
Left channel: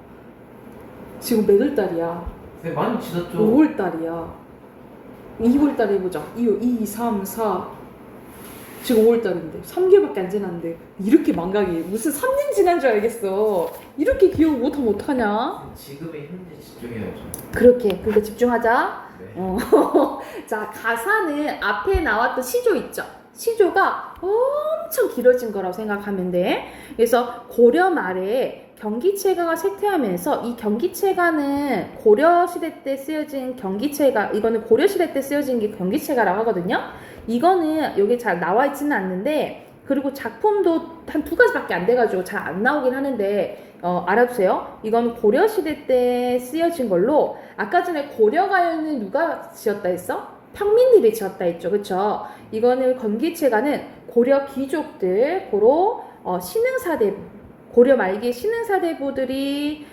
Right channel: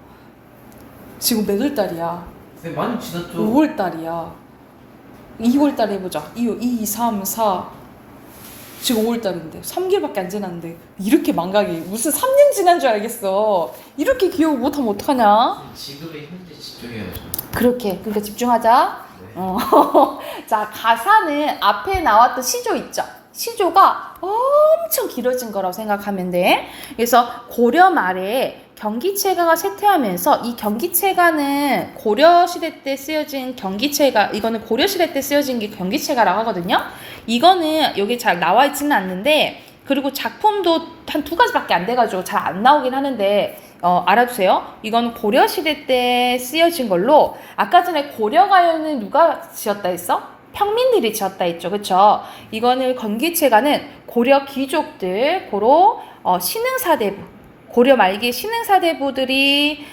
지금 몇 월 달이야? 네, 많이 지났죠. 5월 달이야. 2월 달에 해보자. 2, 3, 4. 지금 5월달인데 3개월밖에 안 지났는데 이렇게 망각이 무슨 3년 지난 줄 알겠어. 이렇게 기억 못하면 어떡하냐. 지금의 현재 집중해야죠. 그러니까 집중하자. 네. 자, 가사는 앞에 나왔던 시조 있죠. 시조가 엄청 길어진 거라고 생각하면 돼. 그래서 고려 말에 경기체가가 쇠퇴하면서 이 경기체가는 고려시대 때 쓰여진 경기체가, 이거는 고려시대 때 쓰여진 게 경기체가라고 하거든요. 이거는 여기 잘 나와 있지는 않는데, 그리고 작품도 한 2가지밖에 안 돼가지고 잘 안 나오긴 하는데 알아두세요. 이건 고려시대 때 쓰여진 걸로, 아까 전에 고려가요는 누가 지었다 했어? 평민들이 지었다 했죠. 그쵸? 이거는 경기체가는 고려 귀족들, 고로 신흥사대부, 고려 말기 신흥사대부들이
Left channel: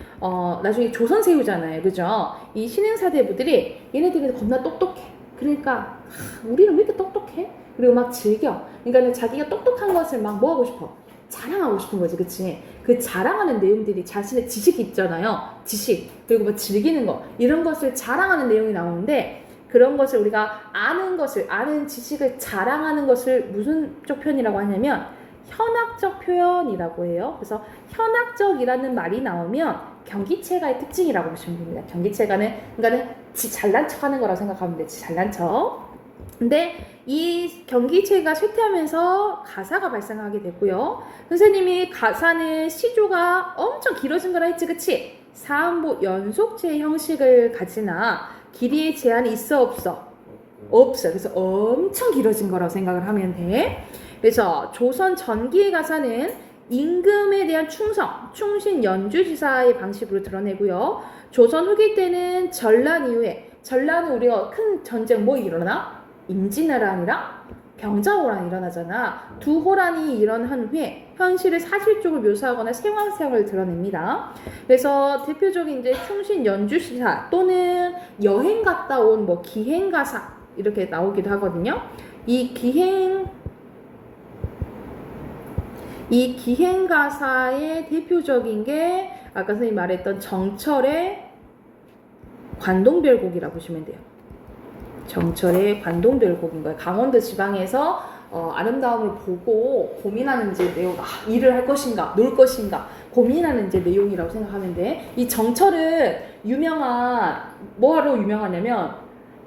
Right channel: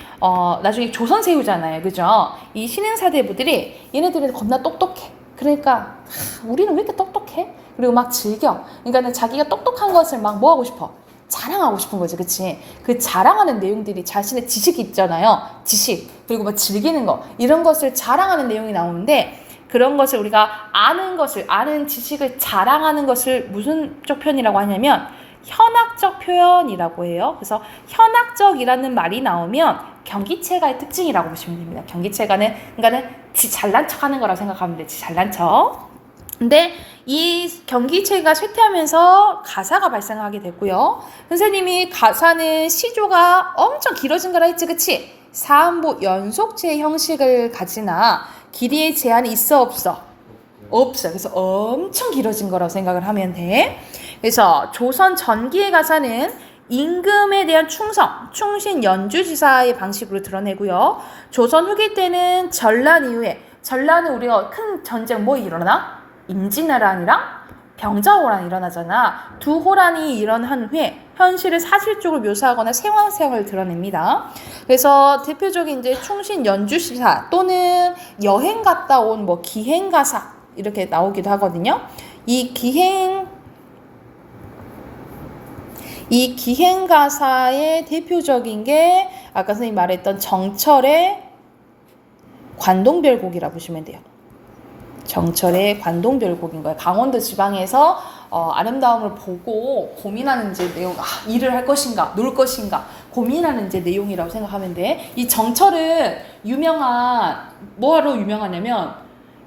나중에 조선 세우잖아요. 그죠? 이 신흥사대부들이 얘네들은 겁나 똑똑해. 그러니까 우리는 왜 이렇게 똑똑해? 그리고 막 즐겨. 그러니까 자기가 똑똑한 것을 막 뭐 하고 싶어? 자랑하고 싶은 거지. 그치? 그 자랑하는 내용들이 자신의 지식이 있잖아요. 지식. 그리고 뭐 즐기는 거. 이런 것을 자랑하는 내용이 나오는데, 그런 것을 우리가 아는 지식을 자랑하는 것을 무슨 쪽 표현이라고 하냐면 현학적 표현이라고 해요. 그래서 현학적이라는 말이 나오면 경기체가의 특징이라고 보시면 됩니다. 경기체가는 그러니까는 지 잘난 척 하는 거라고 생각하면 돼. 지 잘난 척. 근데 이 경기체가 쇠퇴하면서 가사가 발생하게 됐고요. 선생님이 가사는 시조가 엄청 길어진 거라 했지, 그치? 사음보 연속체 형식을 가지나 길이의 제한이 있어, 없어? 없어. 그래서 엄청 길어진 거라고 생각을 하면 돼. 그래서 조선 전기의 가사는 임금에 대한 충신 연주지사의 방식으로 드러내고요. 조선 후기 때는 전란 이후에, 전란은 우리가 큰 전쟁 뭐 일어나? 임진왜란이랑 병자호란이 일어나잖아. 두 호란이 일어난 후에 현실을 사실적으로 묘사하거나 생활을 드러냅니다. 그래서 대표적인 이제 충신 연주시사 또는 여행 갔다 온 뭐 기행가사 이렇게 나오기도 하거든요. 이 기행가사의 대표적인 게 아까 선생님 말했던 정철의 관동별곡이라고 보시면 돼요. 정철의 관동별곡인 거예요. 강원도 지방에서 아름다움을 보고 고민하는 이제 내용, 일을 할 것인가, 놀 것인가 고민하는 이제 내용이라고 생각하면 돼. 이 정철은 뭐하러 유명하냐면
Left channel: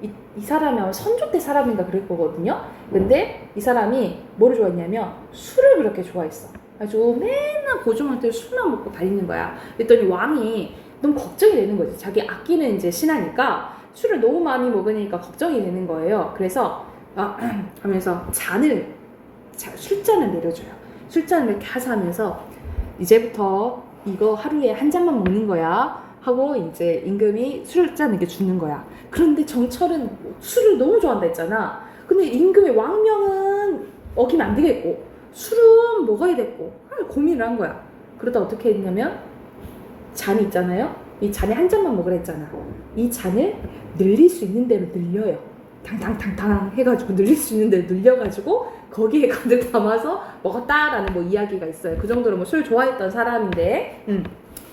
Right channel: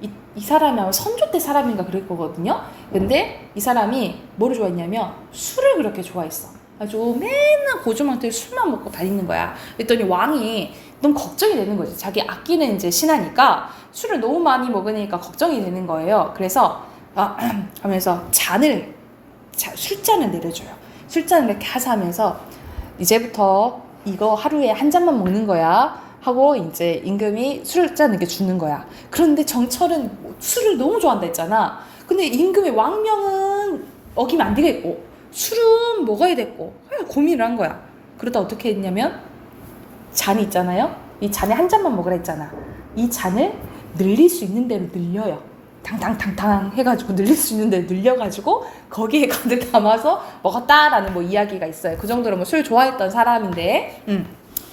이 사람이 아마 선조 때 사람인가 그럴 거거든요. 근데 이 사람이 뭐를 좋아했냐면 술을 그렇게 좋아했어. 아주 맨날 고주망태에 술만 먹고 다니는 거야. 그랬더니 왕이 너무 걱정이 되는 거지. 자기 아끼는 이제 신하니까 술을 너무 많이 먹으니까 걱정이 되는 거예요. 그래서 하면서 술잔을 내려줘요. 술잔을 이렇게 하면서 이제부터 이거 하루에 한 잔만 먹는 거야 하고 이제 임금이 술잔을 이렇게 주는 거야. 그런데 정철은 술을 너무 좋아한다 했잖아. 근데 임금의 왕명은 어기면 안 되겠고 술은 먹어야 됐고 고민을 한 거야. 그러다 어떻게 했냐면 잔이 있잖아요. 이 잔에 한 잔만 먹으라 했잖아. 이 잔을 늘릴 수 있는 대로 늘려요. 탕탕탕탕 해가지고 늘릴 수 있는 대로 늘려가지고 거기에 가득 담아서 먹었다라는 뭐 이야기가 있어요. 그 정도로 뭐 술 좋아했던 사람인데.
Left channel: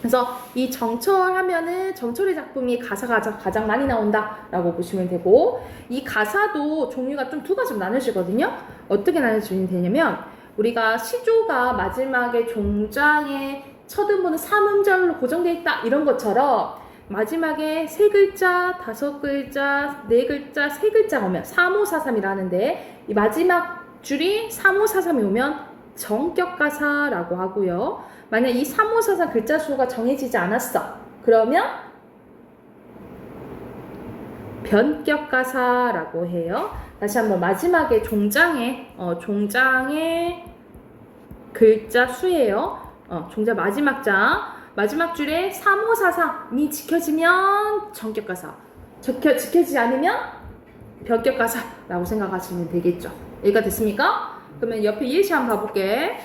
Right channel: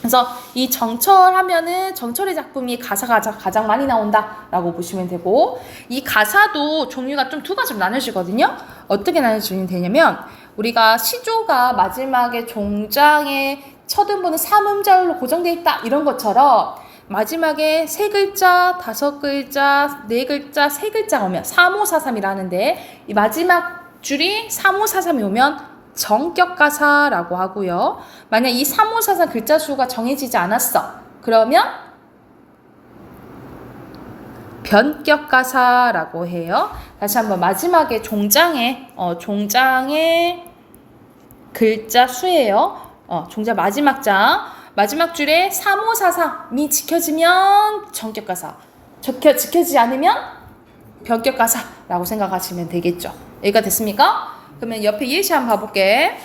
그래서 이 정철 하면은 정철의 작품이 가사가 가장 많이 나온다라고 보시면 되고, 이 가사도 종류가 좀 두 가지로 나뉘어지거든요. 어떻게 나뉘어지면 되냐면 우리가 시조가 마지막에 종장에 첫 음보는 3음절로 고정되어 있다 이런 것처럼 마지막에 세 글자, 다섯 글자, 네 글자, 세 글자가 오면 3543이라 하는데 이 마지막 줄이 3543이 오면 정격가사라고 하고요. 만약 이 3543 글자 수가 정해지지 않았어. 그러면 변격가사라고 해요. 다시 한번 마지막에 종장에 글자 수예요. 종자 마지막 장 마지막 줄에 3543이 지켜지면 정격가사, 지켜지지 않으면 변격가사라고 생각하시면 되겠죠. 여기가 됐습니까? 그러면 옆에 예시 한번 봐볼게.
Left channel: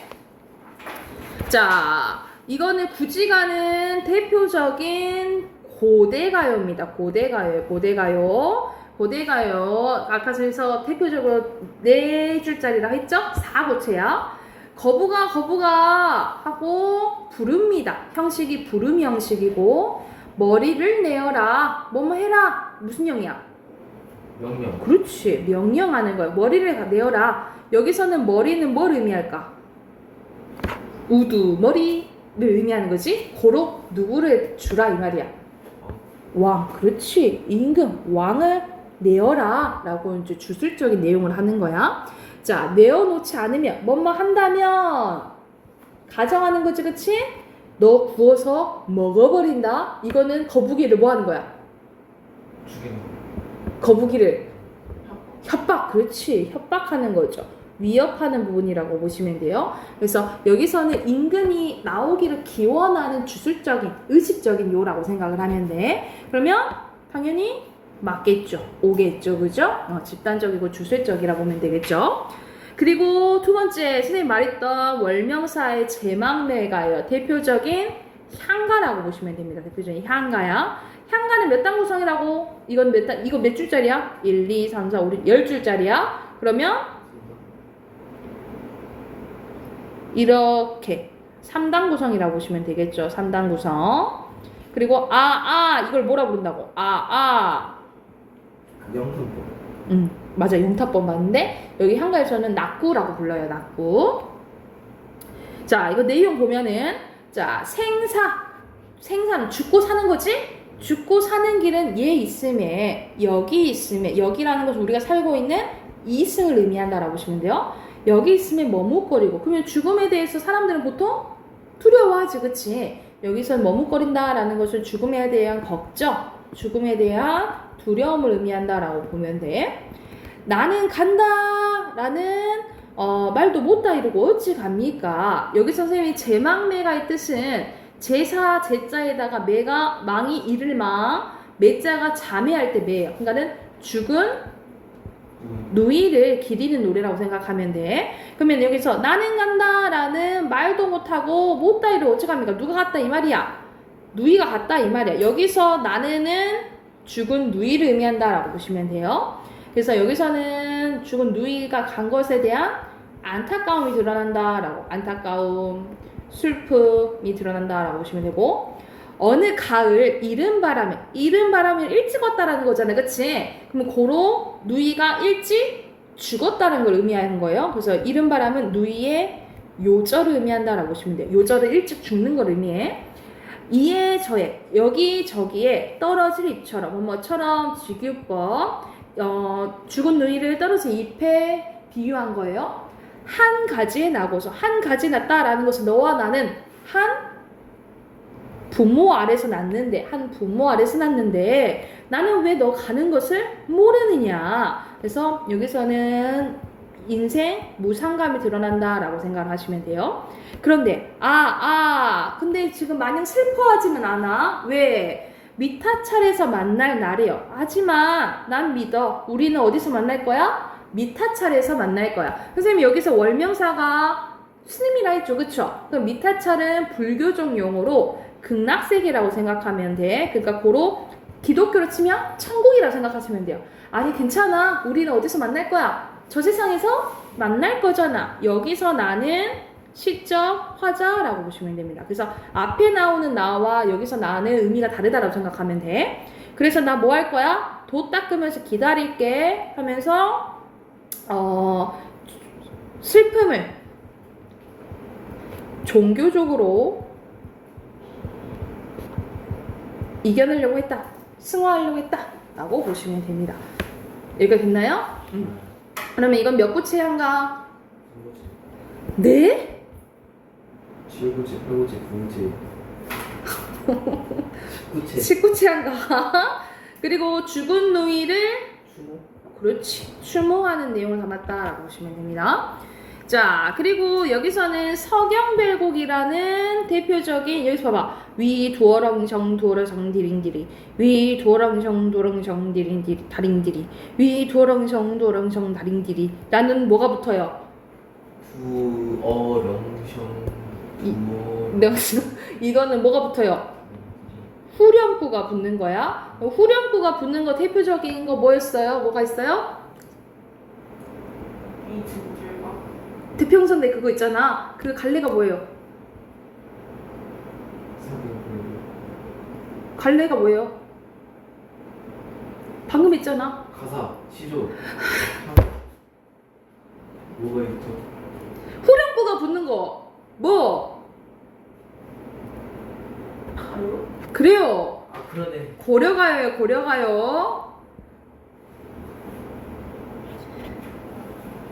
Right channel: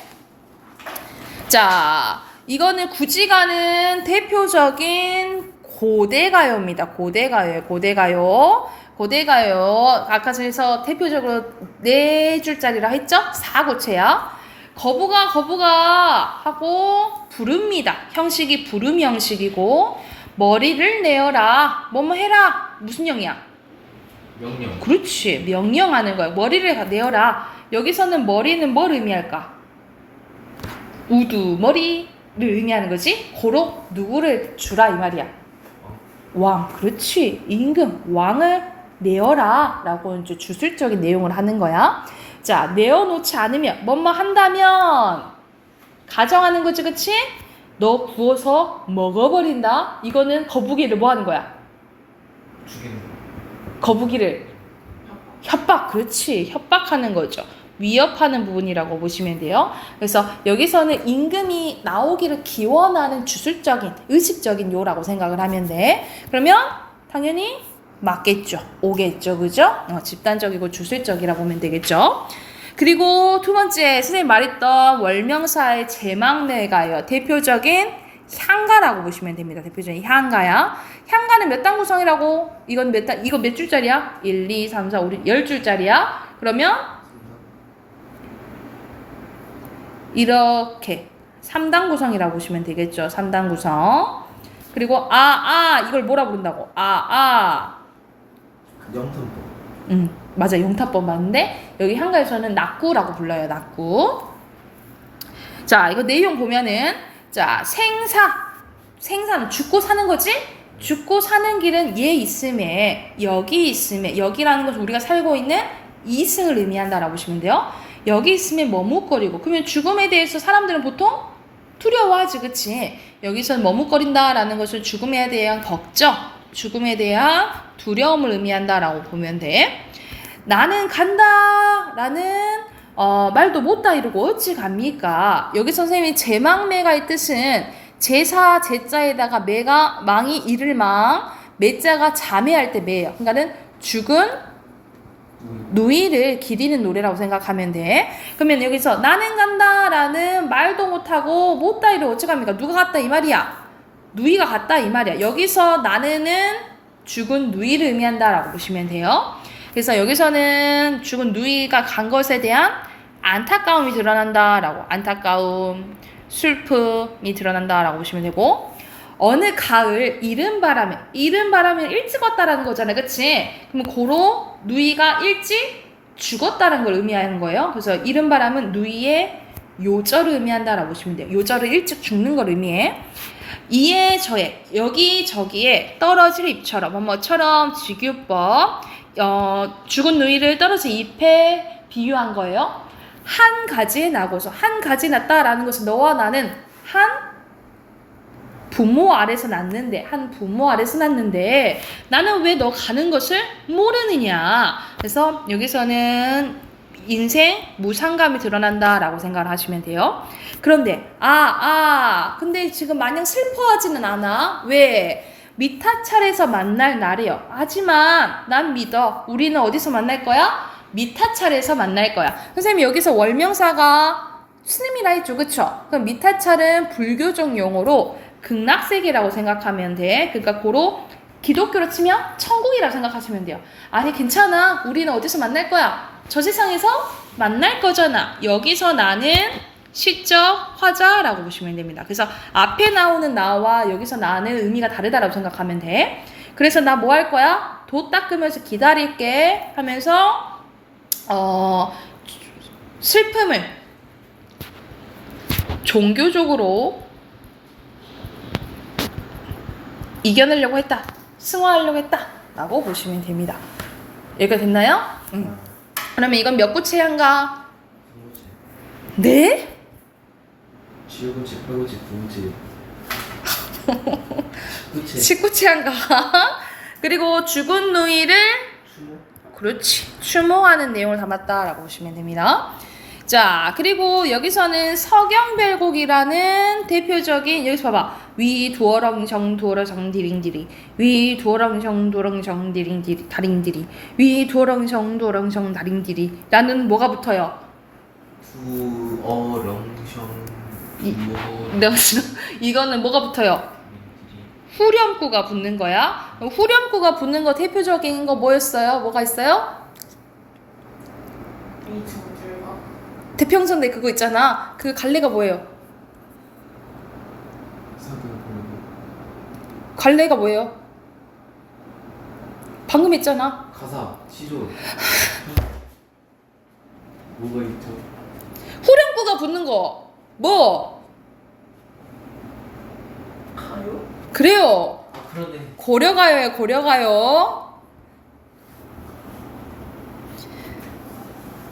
자, 이거는 구지가는 대표적인 고대가요입니다. 고대가요. 아까 전에서 대표적으로 네 줄짜리라 했죠? 사고체야. 거부가 하고 부릅니다. 형식이 부름 형식이고, 머리를 내어라. 뭐뭐 해라. 무슨 영이야? 명령. 그렇지. 명령하는 거야. 머리를 내어라. 여기서는 머리는 뭘 의미할까? 우두머리를 의미하는 거지. 고로 누구를 주라 이 말이야. 왕. 그렇지. 임금 왕을 내어라 라고 이제 주술적인 내용을 하는 거야. 자, 내어놓지 않으면 뭐뭐 한다면 가정하는 거지. 그치? 너 구워서 먹어버린다. 이거는 거북이를 뭐 하는 거야? 죽이는 거북이를 협박. 그렇지. 협박하는 거죠. 위협하는 부분이라고 보시면 돼요. 그래서 여기서는 임금이 나오기를 기원하는 주술적인 의식적인 요라고 생각을 하면 돼. 그러면 당연히 맞겠죠. 오겠죠. 그죠? 집단적이고 주술적이라 보면 되겠죠. 그리고 두 번째 선생님 말했던 월명사의 제망매가요. 대표적인 향가라고 보시면 됩니다. 대표적인 향가야. 향가는 몇 단 구성이라고? 이건 몇 단? 이거 몇 줄짜리야? 1, 2, 3, 4, 5, 6, 10줄짜리야. 그러면 이렇게 3단 구성이라고 보시면 되겠죠. 3단 구성. 그리고 이걸 뭐라 부른다고? 영탄법. 맞아. 용타법 맞는데 여기 한가에서는 낙구라고 불러요. 낙구. 자, 이거 내용 보면은 자, 생사는 죽고 사는 거지? 죽고 사는 길은 얘 있음에 여기 있음에 여기라는 것은 우리가 살고 있는 이승을 의미한다라고 보시면 돼요. 여기 있으면 머뭇거리고 그러면 죽음에 대해서 사람들은 보통 두려워하지. 그치? 여기서는 머뭇거린다라는 것은 죽음에 대한 걱정, 죽음에 대한 두려움을 의미한다라고 보면 돼. 나는 간다라는 말도 못다 이러고 어찌 갑니까? 여기 선생님이 제망매가의 뜻은 제사 제자에다가 매가 망이 이를 망, 매자가 자매할 때 매예요. 그러니까는 죽은 누이를 기리는 노래라고 생각하면 돼. 그러면 여기서 나는 간다라는 말도 못하고 못다 이러고 어찌 갑니까? 누가 갔다 이 말이야? 누이가 갔다 이 말이야. 여기서 나는 죽은 누이를 의미한다라고 보시면 돼요. 그래서 여기서는 죽은 누이가 간 것에 대한 안타까움이 드러난다라고, 안타까움, 슬픔이 드러난다라고 보시면 되고, 어느 가을 이른 바람에 일찍 왔다라는 거잖아요. 그치? 그럼 고로 누이가 일찍 죽었다는 걸 의미하는 거예요. 그래서 이른 바람은 누이의 요절을 의미한다라고 보시면 돼요. 요절을 일찍 죽는 걸 의미해. 이에 저에 여기저기에 떨어질 잎처럼 뭐뭐처럼 직유법, 죽은 누이를 떨어진 잎에 비유한 거예요. 한 가지에 나고서 한 가지 났다라는 것은 너와 나는 한 부모 아래서 낳는데 한 부모 아래서 낳는데 나는 왜 너 가는 것을 모르느냐. 그래서 여기서는 인생 무상감이 드러난다라고 생각을 하시면 돼요. 그런데 근데 지금 마냥 슬퍼하지는 않아. 왜? 미타찰에서 만날 날이요. 하지만 난 믿어. 우리는 어디서 만날 거야? 미타찰에서 만날 거야. 선생님 여기서 월명사가 스님이라 했죠. 그쵸? 그럼 미타찰은 불교적 용어로 극락세계라고 생각하면 돼. 그러니까 고로 기독교로 치면 천국이라고 생각하시면 돼요. 아니 괜찮아. 우리는 어디서 만날 거야? 저 세상에서 만날 거잖아. 여기서 나는 시적 화자라고 보시면 됩니다. 그래서 앞에 나오는 나와 여기서 나는 의미가 다르다라고 생각하면 돼. 그래서 나 뭐 할 거야? 도 닦으면서 기다릴게 하면서 슬픔을 종교적으로 이겨내려고 했다. 승화하려고 했다. 라고 보시면 됩니다. 여기가 됐나요? 그러면 이건 몇 구체한가? 네? 7구체, 8구체, 9구체 19체한가? 그리고 죽은 누이를 추모? 그렇지 추모하는 내용을 담았다라고 보시면 됩니다. 자 그리고 여기서는 서경별곡이라는 대표적인 여기서 봐봐 위 도어렁정 도어렁정 디링디리 위 도어렁정 도어렁정 디링디리 다링디리 위 도어렁정 도어렁정 다링디리 라는 뭐가 붙어요? 두어렁성 이거는 뭐가 붙어요? 후렴구가 붙는 거야. 후렴구가 붙는 거 대표적인 거 뭐였어요? 뭐가 있어요? 대평선대 그거 있잖아. 그 갈래가 뭐예요? 갈래가 뭐예요? 방금 했잖아. 가사, 시조 뭐가 있죠? 후렴구가 붙는 거 뭐? 가요? 그래요. 아 그러네. 고려가요예요. 고려가요.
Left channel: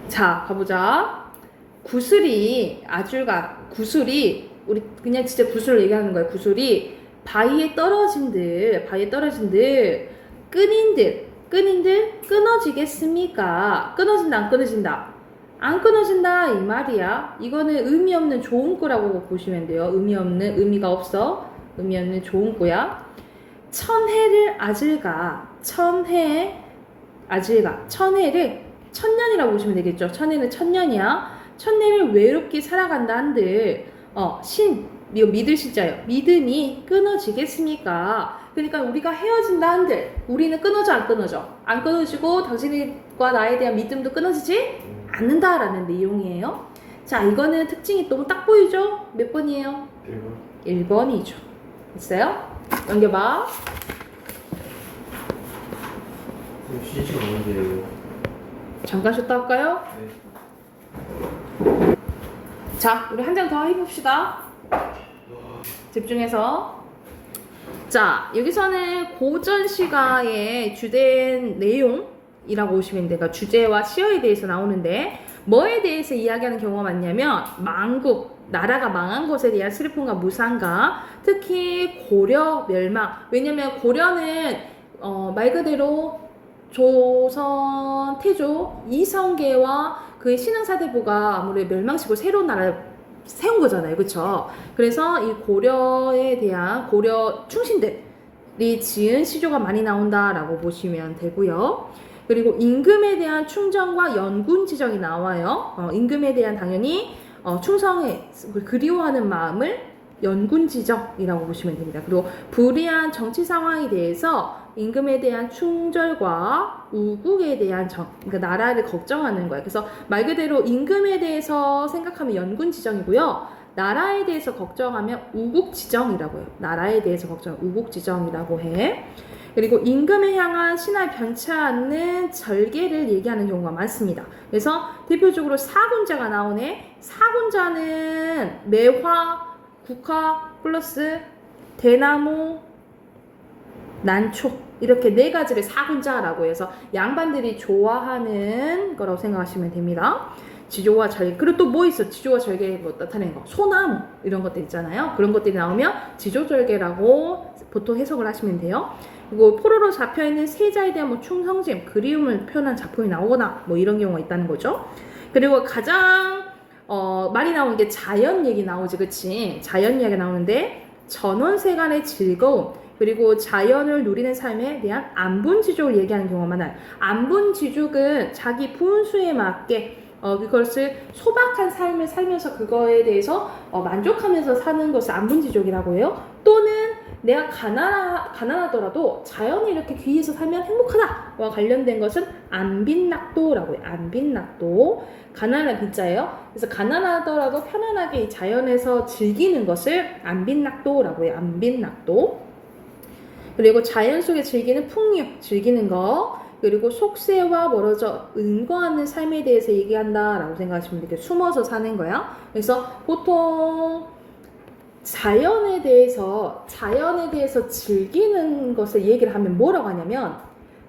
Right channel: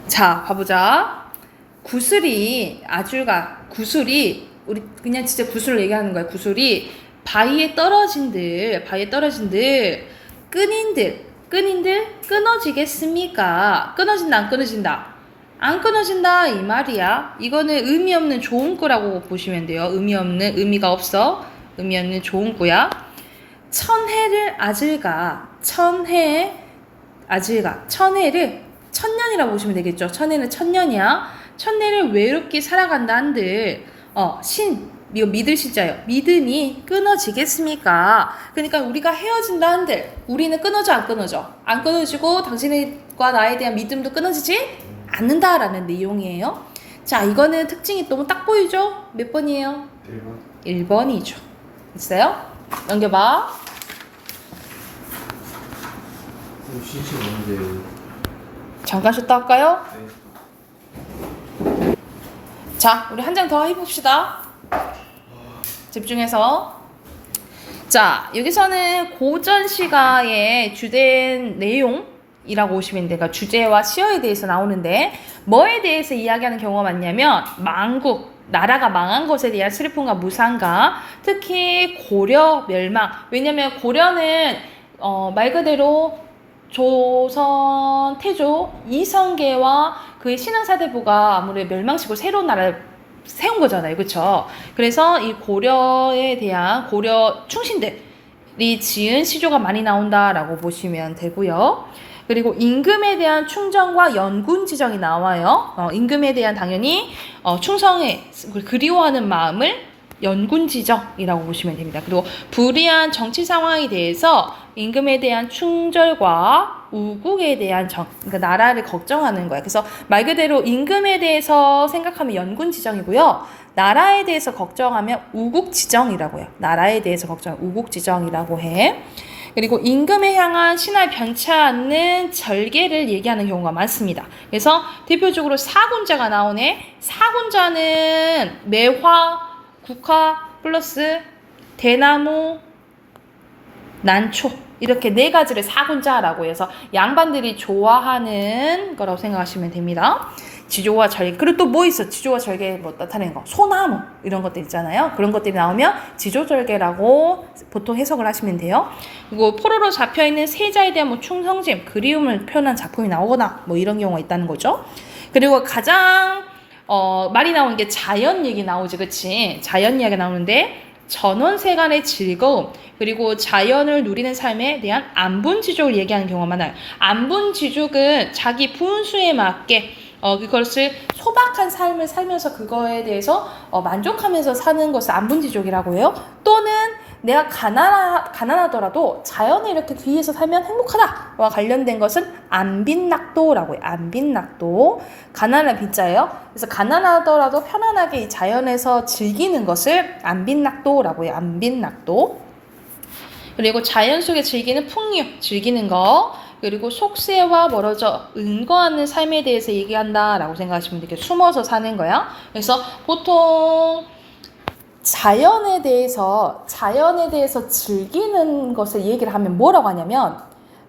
자 가보자. 구슬이 구슬이 우리 그냥 진짜 구슬을 얘기하는 거예요. 구슬이 바위에 떨어진들 끈인들 끊어지겠습니까? 끊어진다 안 끊어진다? 안 끊어진다 이 말이야. 이거는 의미 없는 조은구라고 보시면 돼요. 의미가 없어. 의미 없는 조은구야. 천해를 천해를 천년이라고 보시면 되겠죠. 천해는 천년이야. 천년을 외롭게 살아간다 한들 이거 믿을 시자예요. 믿음이 끊어지겠습니까? 그러니까 우리가 헤어진다 한들 우리는 끊어져 안 끊어져? 안 끊어지고 당신과 나에 대한 믿음도 끊어지지 않는다라는 내용이에요. 자 이거는 특징이 너무 딱 보이죠? 몇 번이에요? 1번 1번이죠. 있어요? 넘겨봐. 쉬는 시간 없는데 잠깐 쉬었다 할까요? 자, 우리 한 장 더 해봅시다. 집중해서. 자, 여기서는 고전 시가의 주된 내용이라고 보시면 돼요. 그러니까 주제와 시어에 대해서 나오는데 뭐에 대해서 이야기하는 경우가 많냐면 나라가 망한 것에 대한 슬픔과 무상과 특히 고려 멸망. 왜냐면 고려는 말 그대로 조선 태조 이성계와 그의 신흥사대부가 아무래도 멸망시키고 새로운 나라를 세운 거잖아요. 그렇죠? 그래서 이 고려에 대한 고려 충신들이 지은 시조가 많이 나온다라고 보시면 되고요. 그리고 임금에 대한 충정과 연군 지정이 나와요. 임금에 대한 당연히 충성에 그리워하는 마음을 연군 지정이라고 보시면 됩니다. 그리고 불리한 정치 상황에 대해서 임금에 대한 충절과 우국에 대한 그러니까 나라를 걱정하는 거예요. 그래서 말 그대로 임금에 대해서 생각하면 연군 지정이고요. 나라에 대해서 걱정하면 우국 지정이라고 해요. 나라에 대해서 걱정하면 우국 지정이라고 해. 그리고 임금에 향한 신할 변치 않는 절개를 얘기하는 경우가 많습니다. 그래서 대표적으로 사군자가 나오네. 사군자는 매화, 국화 플러스 대나무, 난초 이렇게 네 가지를 사군자라고 해서 양반들이 좋아하는 거라고 생각하시면 됩니다. 지조와 절개. 그리고 또 뭐 있어? 지조와 절개 뭐 나타내는 거. 소나무 이런 것들 있잖아요. 그런 것들이 나오면 지조절개라고 보통 해석을 하시면 돼요. 그리고 포로로 잡혀있는 세자에 대한 뭐 충성심, 그리움을 표현한 작품이 나오거나 뭐 이런 경우가 있다는 거죠. 그리고 가장 말이 나오는 게 자연 얘기 나오지, 그치? 자연 이야기 나오는데 전원세간의 즐거움 그리고 자연을 누리는 삶에 대한 안분지족을 얘기하는 경우가 많아요. 안분지족은 자기 분수에 맞게 그것을 소박한 삶을 살면서 그거에 대해서 만족하면서 사는 것을 안분지족이라고 해요. 또는 내가 가난하더라도 자연을 이렇게 귀해서 살면 행복하다와 관련된 것은 안빈낙도라고 해요. 안빈낙도. 가난한 빈자예요. 그래서 가난하더라도 편안하게 이 자연에서 즐기는 것을 안빈낙도라고 해요. 안빈낙도. 그리고 자연 속에 즐기는 풍류, 즐기는 거. 그리고 속세와 멀어져 은거하는 삶에 대해서 얘기한다라고 생각하시면 돼요. 숨어서 사는 거야. 그래서 보통 자연에 대해서 즐기는 것을 얘기를 하면 뭐라고 하냐면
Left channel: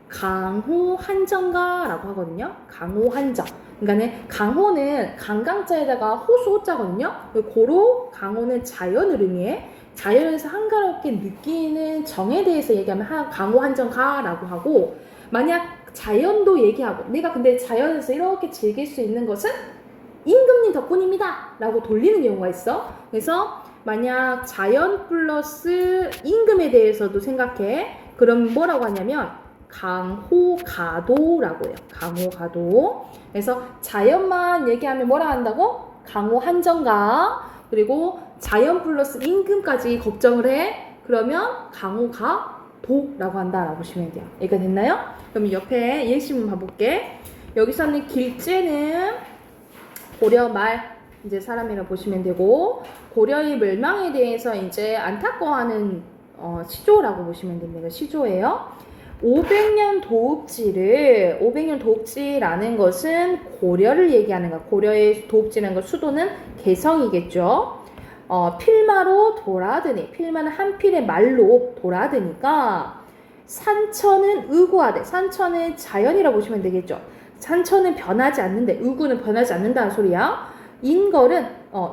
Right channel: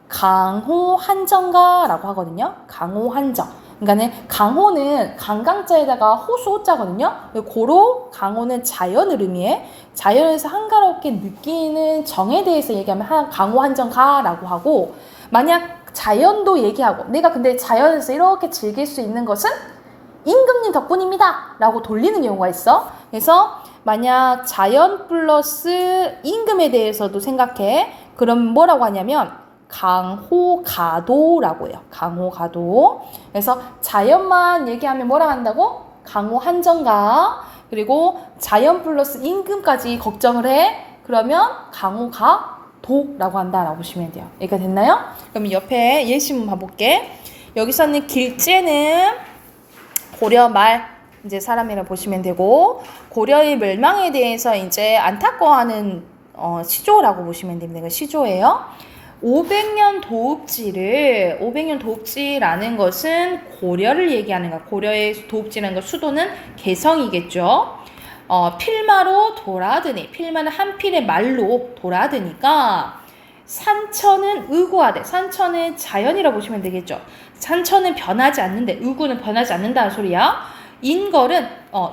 강호한정가라고 하거든요. 강호한정. 그러니까는 강호는 강강자에다가 호수 호자거든요. 고로 강호는 자연을 의미해. 자연에서 한가롭게 느끼는 정에 대해서 얘기하면 강호한정가라고 하고, 만약 자연도 얘기하고 내가 근데 자연에서 이렇게 즐길 수 있는 것은 임금님 덕분입니다 라고 돌리는 경우가 있어. 그래서 만약 자연 플러스 임금에 대해서도 생각해. 그럼 뭐라고 하냐면 강호가도라고 해요. 강호가도. 그래서 자연만 얘기하면 뭐라 한다고? 강호한정가. 그리고 자연 플러스 임금까지 걱정을 해. 그러면 강호가도라고 한다라고 보시면 돼요. 이렇게 됐나요? 그럼 옆에 예시문 봐볼게. 여기서는 길제는 고려 말 이제 사람이라 보시면 되고, 고려의 멸망에 대해서 이제 안타까워하는 시조라고 보시면 됩니다. 시조예요. 500년 도읍지라는 것은 고려를 얘기하는 거야. 고려의 도읍지라는 거 수도는 개성이겠죠. 필마로 돌아드니, 필마는 한 필의 말로 돌아드니까 산천은 의구하되, 산천은 자연이라고 보시면 되겠죠. 산천은 변하지 않는데 의구는 변하지 않는다는 소리야. 인걸은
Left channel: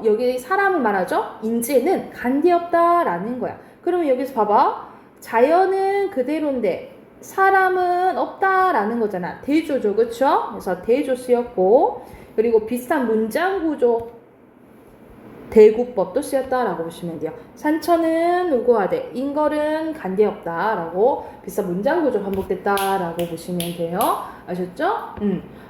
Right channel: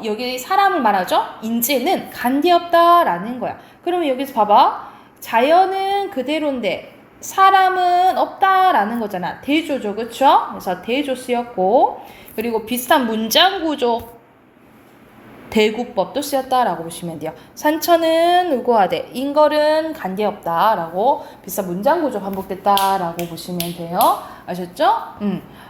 여기 사람을 말하죠. 인재는 간디없다라는 거야. 그러면 여기서 봐봐. 자연은 그대로인데 사람은 없다라는 거잖아. 대조죠, 그쵸? 그래서 대조 쓰였고, 그리고 비슷한 문장 구조 대구법도 쓰였다라고 보시면 돼요. 산천은 의구하되 인걸은 간디없다라고 비슷한 문장 구조 반복됐다라고 보시면 돼요. 아셨죠?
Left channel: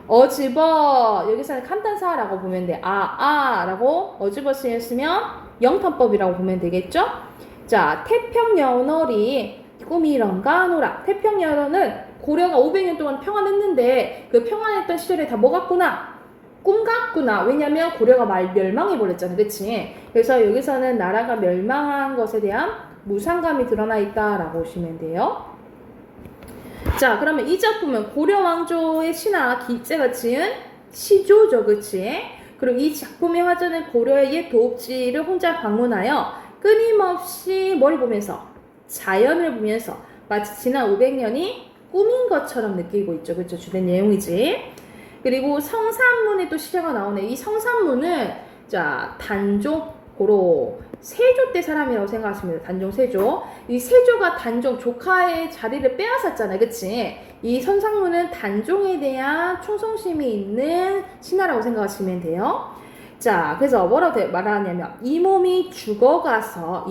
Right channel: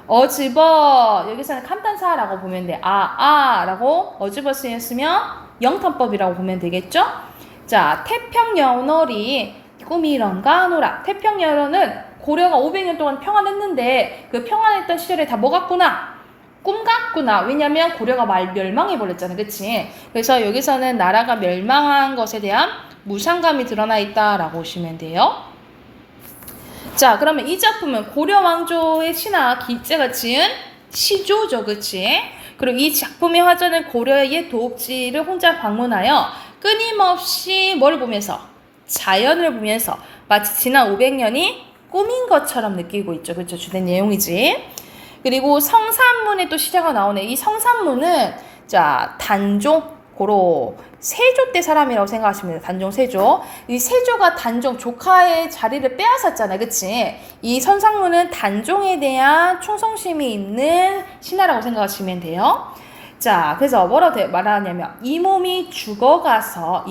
어집어 여기서는 감탄사라고 보면 돼. 라고 어집어 쓰였으면 영탄법이라고 보면 되겠죠? 자, 태평여월이 꿈이런가 하노라. 태평여월은 고려가 500년 동안 평안했는데 그 평안했던 시절에 다 뭐 같구나? 꿈 같구나. 왜냐면 고려가 멸망해버렸잖아. 그치? 그래서 여기서는 나라가 멸망한 것에 대한 무상감이 드러나 있다라고 보시면 돼요. 자, 그러면 이 작품은 고려 왕조의 신하 길제가 지은 시조죠. 그치? 그리고 이 작품의 화전은 고려의 도읍지를 혼자 방문하여 끊임없이 뭘 보면서? 자연을 보면서 마치 지난 500년이 꿈인 것처럼 느끼고 있죠. 그렇죠? 주된 내용이지. 그리고 성산문에 또 시제가 나오네. 이 성산문은 자, 단종 고로 세조 때 사람이라고 생각하시면 돼요. 단종 세조. 이 세조가 단종 조카의 자리를 빼앗았잖아. 그치? 이 성산문은 단종에 대한 충성심이 있는 신하라고 생각하시면 돼요. 자, 그래서 뭐라고 말하냐면 이 몸이 죽어서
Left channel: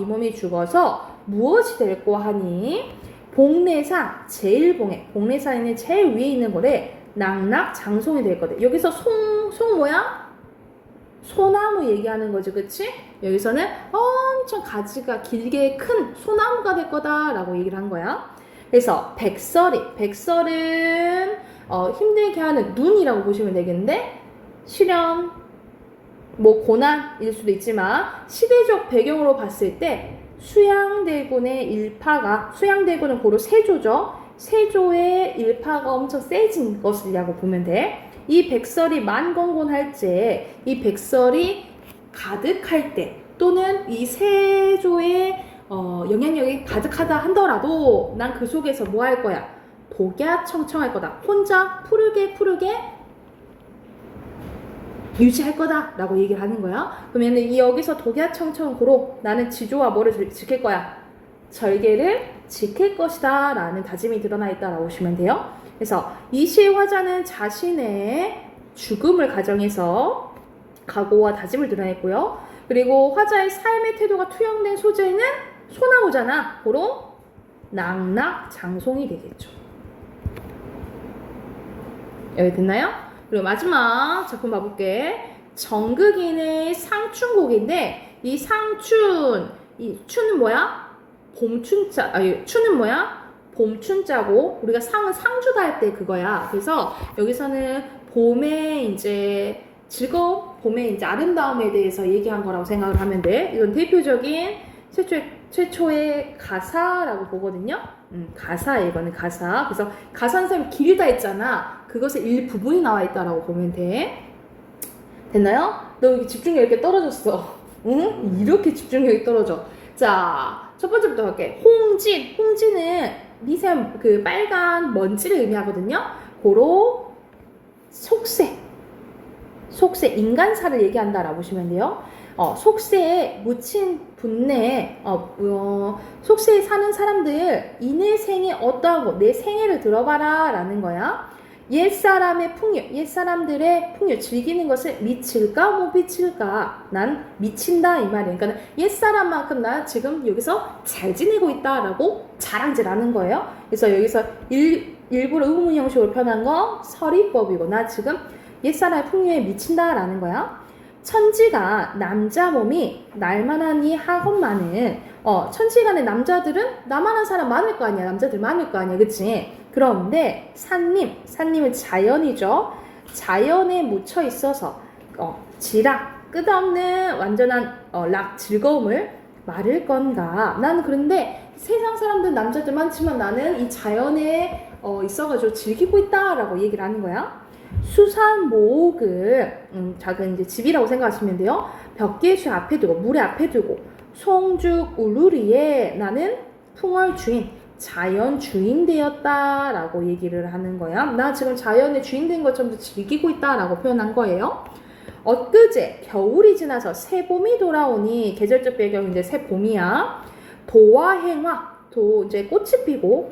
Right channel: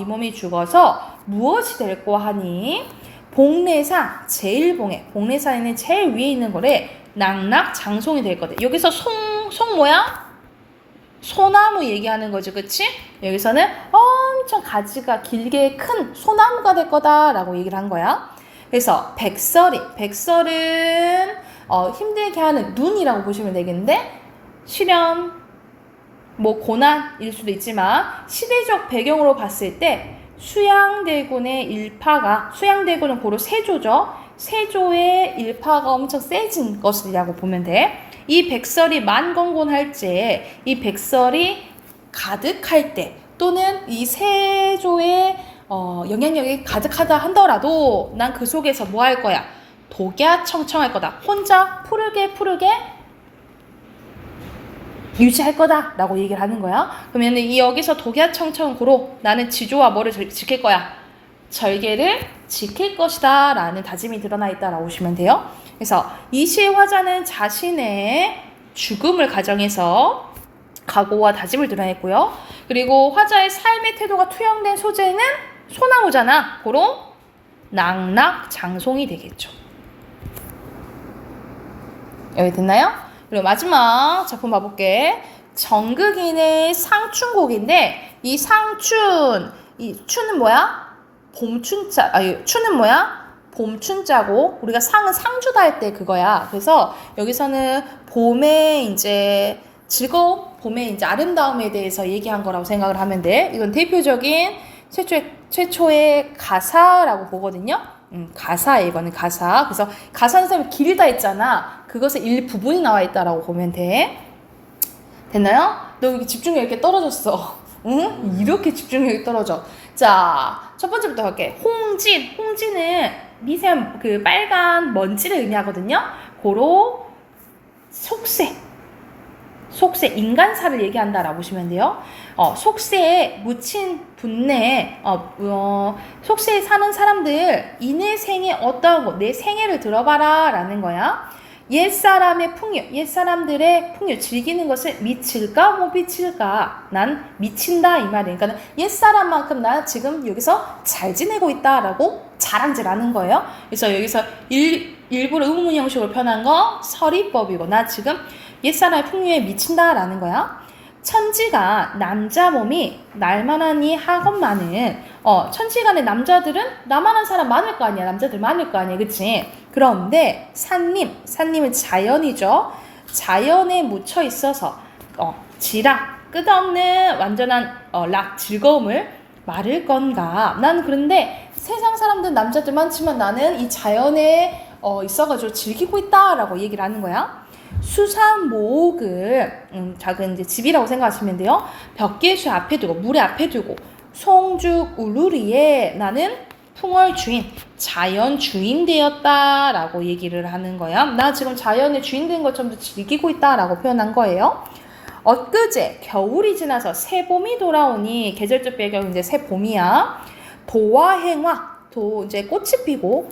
무엇이 될꼬 하니 복례상 제일봉에, 복례상에는 제일 위에 있는 거래 낙낙장송이 될 거다. 여기서 송 뭐야? 소나무 얘기하는 거지, 그치? 여기서는 엄청 가지가 길게 큰 소나무가 될 거다라고 얘기를 한 거야. 그래서 백설은 힘들게 하는 눈이라고 보시면 되겠는데, 시련, 뭐 고난일 수도 있지만 시대적 배경으로 봤을 때 수양대군의 일파가, 수양대군은 고로 세조죠. 세조의 일파가 엄청 세진 것이라고 보면 돼. 이 백설이 만건곤할 때, 이 백설이 가득할 때, 또는 이 세조의 영향력이 가득하다 하더라도 난 그 속에서 뭐 할 거야? 독야청청할 거다. 혼자 푸르게 유지할 거다라고 얘기를 하는 거야. 그러면 이 여기서 독야청천고로 나는 지조와 뭐를 지킬 거야? 절개를 지킬 것이다 라는 다짐이 드러나 있다라고 보시면 돼요. 그래서 이 시의 화자는 자신의 죽음을 가정해서 각오와 다짐을 드러냈고요. 그리고 화자의 삶의 태도가 투영된 소재는 소나무잖아. 고로 낙낙장송이 되겠죠. 여기 됐나요? 그리고 마지막 작품 봐볼게. 정극인의 상춘곡인데 이 상춘, 이 춘은 뭐야? 봄춘자, 아니 춘은 뭐야? 봄춘자고 우리가 상은 상주다 할 때 그거야. 그래서 여기서는 봄에 이제 즐거움, 봄의 이제 아름다움에 대해서 얘기한 거라고 생각을 하면 돼. 이건 대표적인 최초의 가사라고 보거든요. 가사, 이거는 가사. 그래서 가사는 선생님 길다 했잖아. 그것의 일부분이 나와 있다라고 보면 돼. 됐나요? 너 여기 집중력 이렇게 떨어졌어. 응? 이렇게 집중력이 떨어져. 자, 첫 번째부터 갈게. 홍진. 홍진은 미세한 그 빨간 먼지를 의미하거든요. 고로 속세. 속세, 인간사를 얘기한다라고 보시면 돼요. 속세에 묻힌 분내, 속세에 사는 사람들, 이내 생에 어떠하고 내 생애를 들어봐라 라는 거야. 옛사람의 풍요, 옛사람들의 풍요, 즐기는 것을 미칠까 못 미칠까? 난 미친다 이 말이에요. 그러니까 옛사람만큼 나 지금 여기서 잘 지내고 있다라고 자랑질하는 거예요. 그래서 여기서 일부러 의문문 형식으로 표현한 거 서리법이고 나 지금 옛사람의 풍요에 미친다라는 거야. 천지가 남자 몸이 날만하니 하건만은 천지간의 남자들은 나만한 사람 많을 거 아니야. 남자들 많을 거 아니야. 그치? 그런데 산님은 자연이죠. 자연에 묻혀 있어서 지락, 끝없는 완전한 즐거움을 말을 건가. 난 그런데 세상 사람들은 남자들 많지만 나는 이 자연에 있어가지고 즐기고 있다라고 얘기를 하는 거야. 수산모옥을 작은 이제 집이라고 생각하시면 돼요. 벽계수 앞에 두고 물에 앞에 두고 송죽 울루리에 나는 풍월 주인, 자연 주인 되었다라고 얘기를 하는 거야. 나 지금 자연의 주인 된 것처럼 즐기고 있다라고 표현한 거예요. 엊그제 겨울이 지나서 새봄이 돌아오니 계절적 배경인데 새봄이야. 도화행화, 이제 꽃이 피고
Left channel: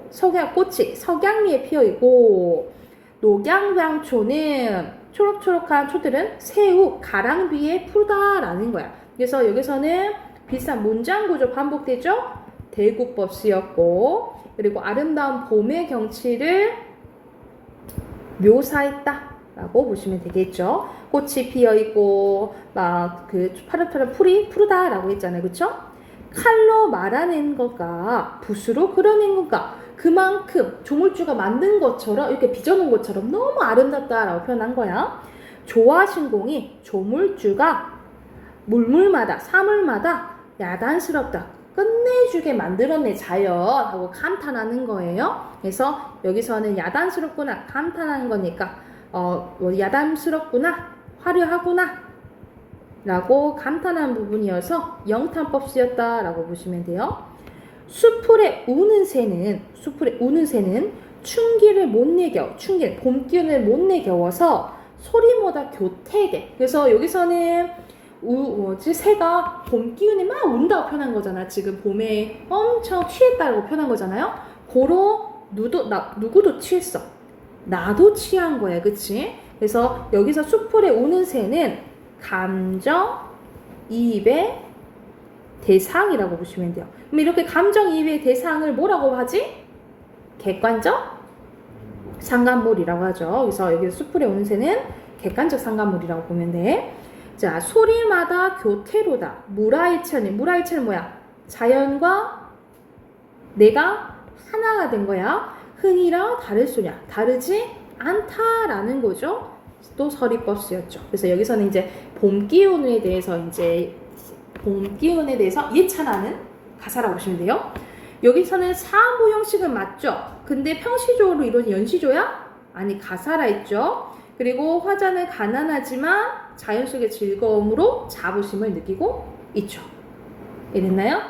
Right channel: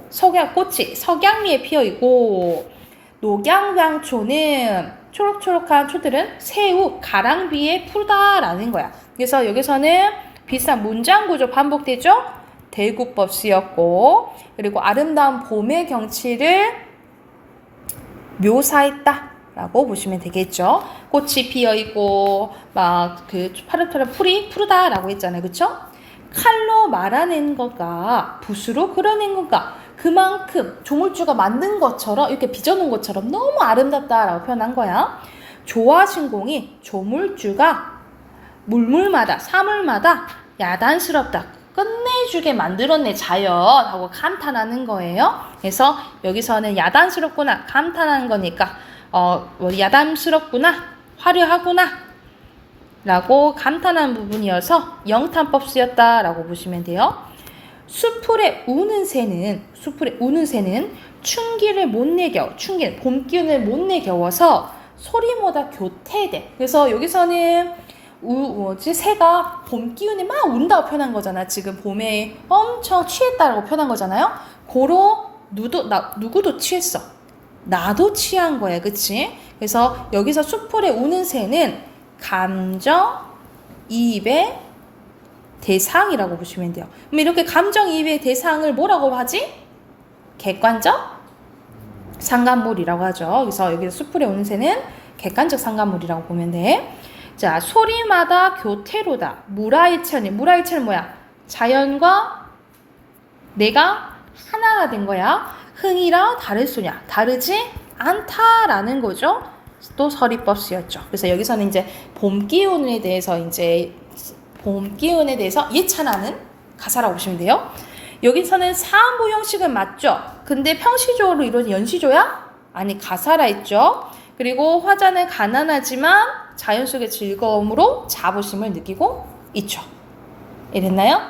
꽃이 석양리에 피어 있고 녹양향초는 초록초록한 초들은 새우, 가랑비에 푸르다라는 거야. 그래서 여기서는 비슷한 문장 구조 반복되죠? 대구법 쓰였고 그리고 아름다운 봄의 경치를 묘사했다라고 보시면 되겠죠. 꽃이 피어있고 막 그 파릇파릇 풀이 푸르다라고 했잖아요. 그쵸? 칼로 말아낸 것과 붓으로 그려낸 것과 그만큼 조물주가 만든 것처럼 이렇게 빚어놓은 것처럼 너무 아름답다라고 표현한 거야. 조화신공이 조물주가 물물마다 사물마다 야단스럽다 끝내주게 만들었네 자연 하고 감탄하는 거예요. 그래서 여기서는 야단스럽구나 감탄하는 거니까 야단스럽구나 화려하구나 라고 감탄한 부분이어서 영탄법 쓰였다라고 보시면 돼요. 수풀에 우는 새는 춘기를 못 내겨 봄 기운을 못 내겨워서 소리보다 교태돼. 그래서 여기서는 새가 봄 기운이 막 운다고 표현한 거잖아. 지금 봄에 엄청 취했다라고 표현한 거잖아요. 고로 누구도 취했어. 나도 취한 거야. 그치? 그래서 여기서 수풀에 우는 새는 감정 이입의 대상이라고 보시면 돼요. 그럼 이렇게 감정이입의 대상을 뭐라고 하지? 객관적 상간물이라고 하죠. 그래서 여기 수풀에 오는 새는 객관적 상간물이라고 보면 돼. 자, 소리마다 교태로다. 무라일체는 뭐야? 자연과 내가 하나가 된 거야. 흥이라 다를 소냐? 다르지 않다라는 거죠. 또 서리법 쓰였죠. 그래서 여기서는 이제 봄 기운에 대해서 예찬하는 가사라고 보시면 돼요. 여기서는 사안보 형식은 맞죠? 근데 평시조로 이루어진 연시조야? 아니 가사라 했죠. 그리고 화자는 가난하지만 자연 속의 즐거움으로 자부심을 느끼고 있죠. 이랬나요?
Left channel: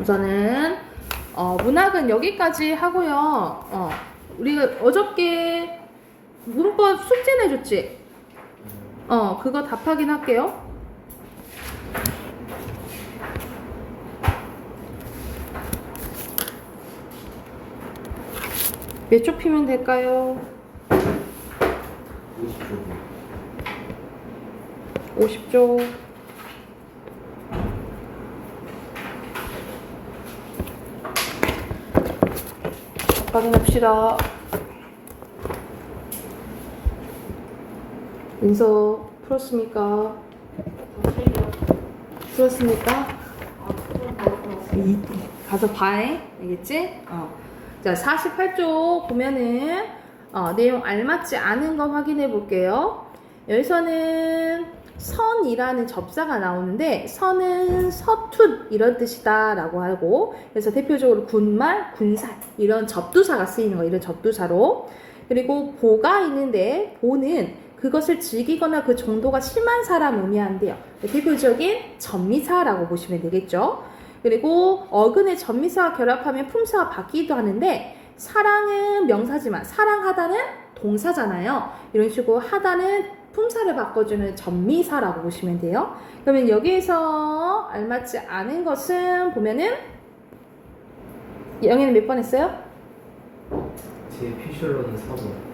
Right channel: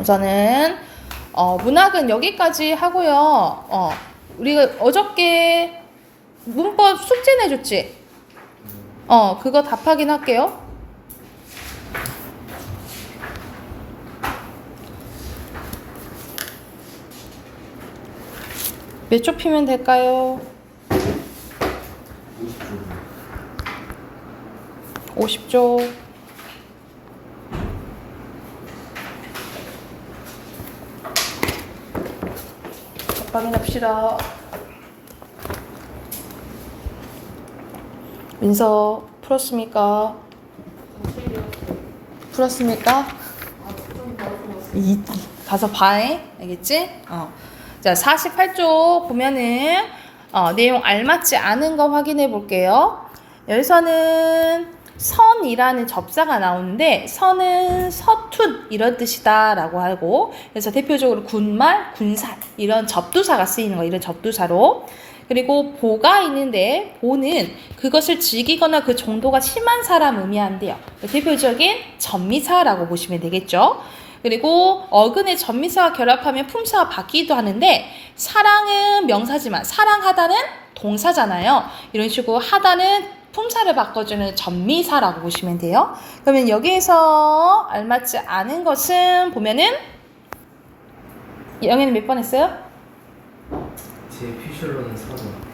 우선은 문학은 여기까지 하고요. 우리가 어저께 문법 숙제 내줬지? 그거 답 확인할게요. 몇 초 피면 될까요? 50초. 50초. 답 확인합시다. 민서 풀었습니까? 풀었습니까? 가서 봐해. 알겠지? 자, 48쪽 보면은 내용 알맞지 않은 거 확인해 볼게요. 여기서는 선이라는 접사가 나오는데 선은 서툰 이런 뜻이다 라고 하고, 그래서 대표적으로 군말, 군살 이런 접두사가 쓰이는 거, 이런 접두사로. 그리고 보가 있는데 보는 그것을 즐기거나 그 정도가 심한 사람 의미한대요. 대표적인 전미사라고 보시면 되겠죠. 그리고 어근에 전미사와 결합하면 품사가 바뀌기도 하는데, 사랑은 명사지만 사랑하다는 동사잖아요. 이런 식으로 하다는 품사를 바꿔주는 전미사라고 보시면 돼요. 그러면 여기에서 알맞지 않은 것은 보면은 영애는 몇 번 했어요? 제 피셜로는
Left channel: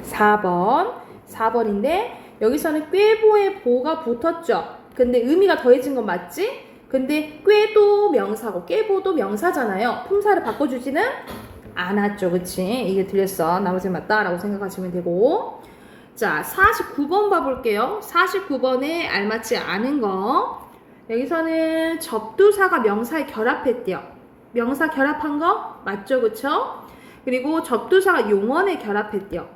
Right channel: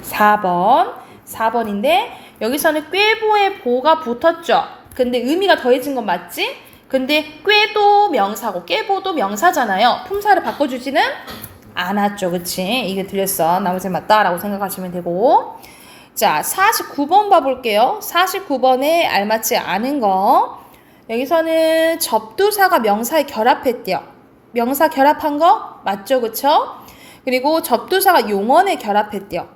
4번. 4번인데 여기서는 꾀보에 보가 붙었죠. 근데 의미가 더해진 건 맞지? 근데 꾀도 명사고 꾀보도 명사잖아요. 품사를 바꿔주지는 않았죠. 그치? 이게 들렸어. 나머지 맞다라고 생각하시면 되고. 자, 49번 봐볼게요. 49번에 알맞지 않은 거. 여기서는 접두사가 명사에 결합했대요. 명사 결합한 거 맞죠? 그쵸? 그리고 접두사가 용언에 결합했대요.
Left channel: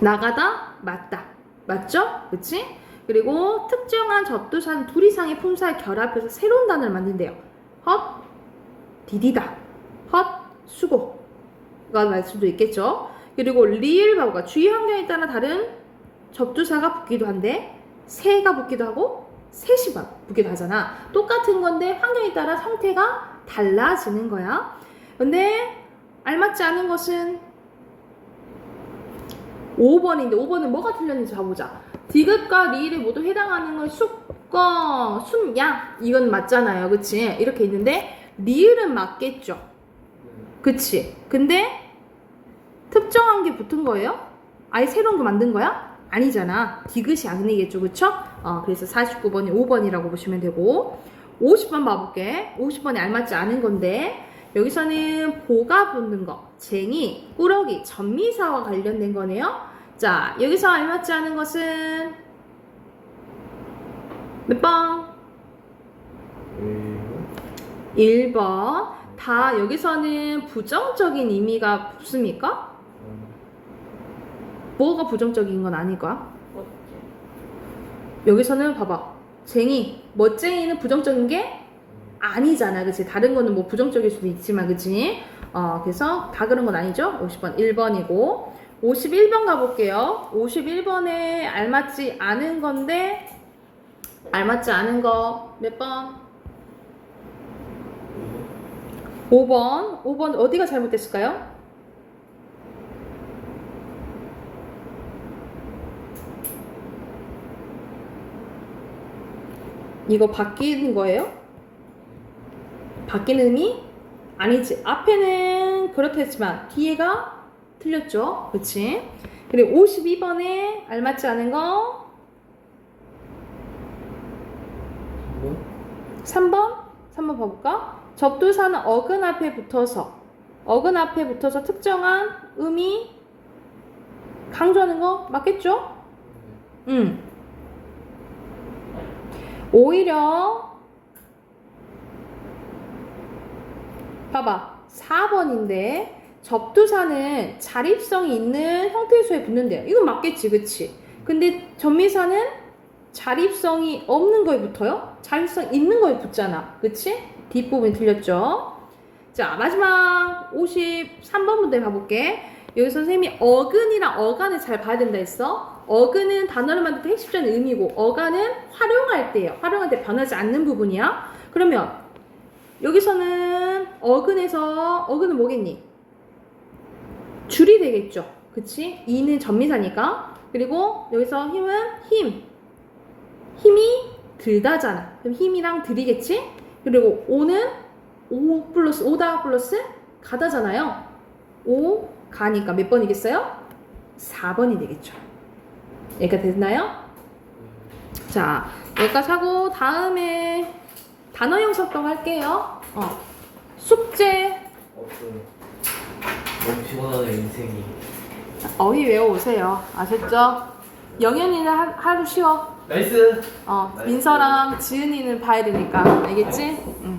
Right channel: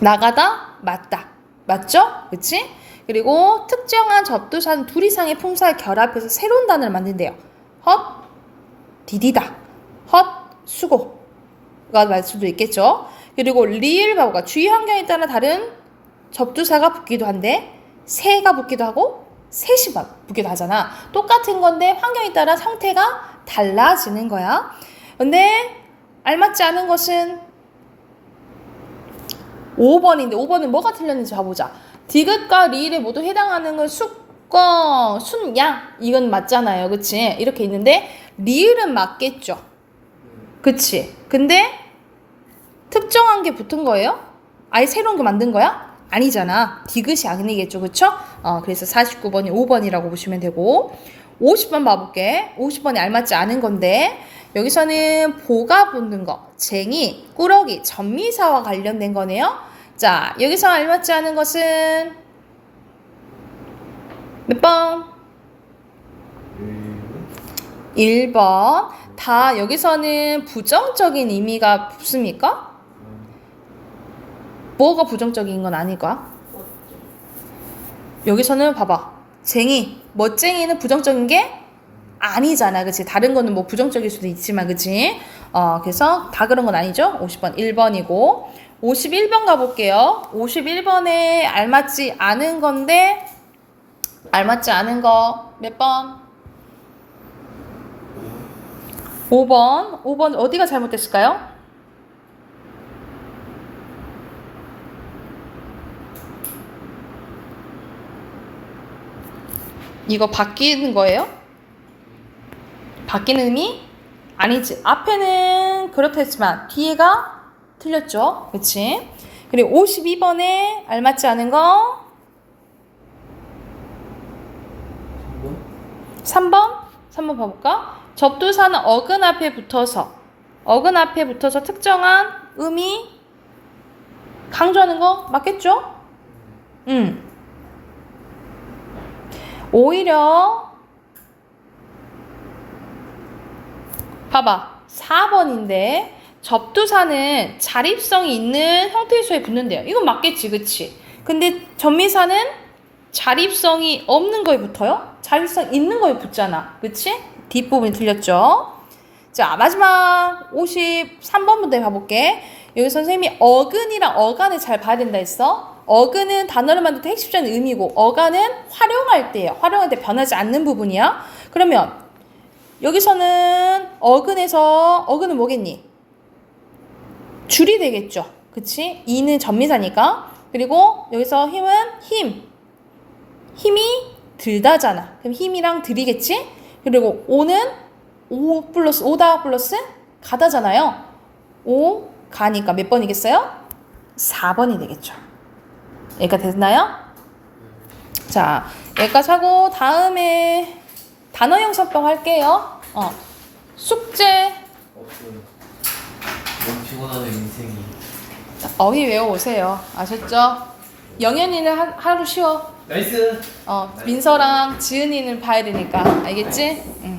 나가다, 맞다. 맞죠? 그치? 그리고 특정한 접두사는 둘 이상의 품사에 결합해서 새로운 단어를 만든대요. 헛, 디디다. 헛, 수고가 맞을 수도 있겠죠. 그리고 리을 바보가 주의 환경에 따라 다른 접두사가 붙기도 한데, 새가 붙기도 하고 셋이 붙기도 하잖아. 똑같은 건데 환경에 따라 형태가 달라지는 거야. 근데 알맞지 않은 것은 5번인데 5번은 뭐가 틀렸는지 봐보자. 디귿과 리을에 모두 해당하는 건 숙거, 순양 이건 맞잖아요. 그치? 이렇게 있는데 리을은 맞겠죠. 그치? 근데 특정한 게 붙은 거예요? 아예 새로운 거 만든 거야? 아니잖아. 디귿이 아니겠죠. 그쵸? 그래서 49번이 5번이라고 보시면 되고, 50번 봐볼게. 50번이 알맞지 않은 건데 여기서는 보가 붙는 거, 쟁이, 꾸러기, 전미사와 관련된 거네요. 자, 여기서 알맞지 않은 것은 몇 번? 1번. 다 여기서는 부정적인 의미가 붙습니까? 뭐가 부정적인 건 아닐까? 여기서는 봐봐. 쟁이, 멋쟁이는 부정적인 게 아니잖아. 그치? 다른 거는 뭐 부정적일 수도 있지만, 그치? 그래서 다 그런 건 아니죠? 50번 1번이고 51번 가볼게요. 51번에 알맞지 않은 건데, 알맞지 않은 거 몇 번? 5번. 5번 어디가 잘못됐을까요? 이거 바뀌는 거예요? 바뀌는 의미? 아니지. 앞에는 그렇다 했지만 뒤에가 틀렸죠. 그치? 그리고 52번에 알맞지 않은 거 3번? 3번 봐볼까? 접두사는 어근 앞에 붙어서 특정한 의미 강조하는 거 맞겠죠? 오히려 봐봐. 4번인데 접두사는 자립성이 있는 형태의 수에 붙는데요. 이건 맞겠지, 그치? 근데 전미사는 자립성이 없는 거에 붙어요? 자립성 있는 거에 붙잖아, 그치? 뒷부분이 틀렸죠? 자, 마지막 53번 문제 봐볼게. 여기 선생님이 어근이랑 어간을 잘 봐야 된다 했어. 어근은 단어를 만들 때 핵심적인 의미고, 어간은 활용할 때예요. 활용할 때 변하지 않는 부분이야. 그러면 여기서는 어근은 뭐겠니? 줄이 되겠죠. 그치? 이는 전미사니까. 그리고 여기서 힘은 힘이 들다잖아. 그럼 힘이랑 들이겠지? 그리고 오는 오다 플러스 가다잖아요. 오 가니까 몇 번이겠어요? 4번이 되겠죠. 여기까지 됐나요? 자, 여기까지 하고 다음에 단어형 sab법 할게요. 숙제 없어요. 너무 피곤하네 인생이. 어휘 외워오세요. 아셨죠? 영현이는 하루 쉬어. 나이스. 민서랑 지은이는 봐야 되니까. 알겠지? 응.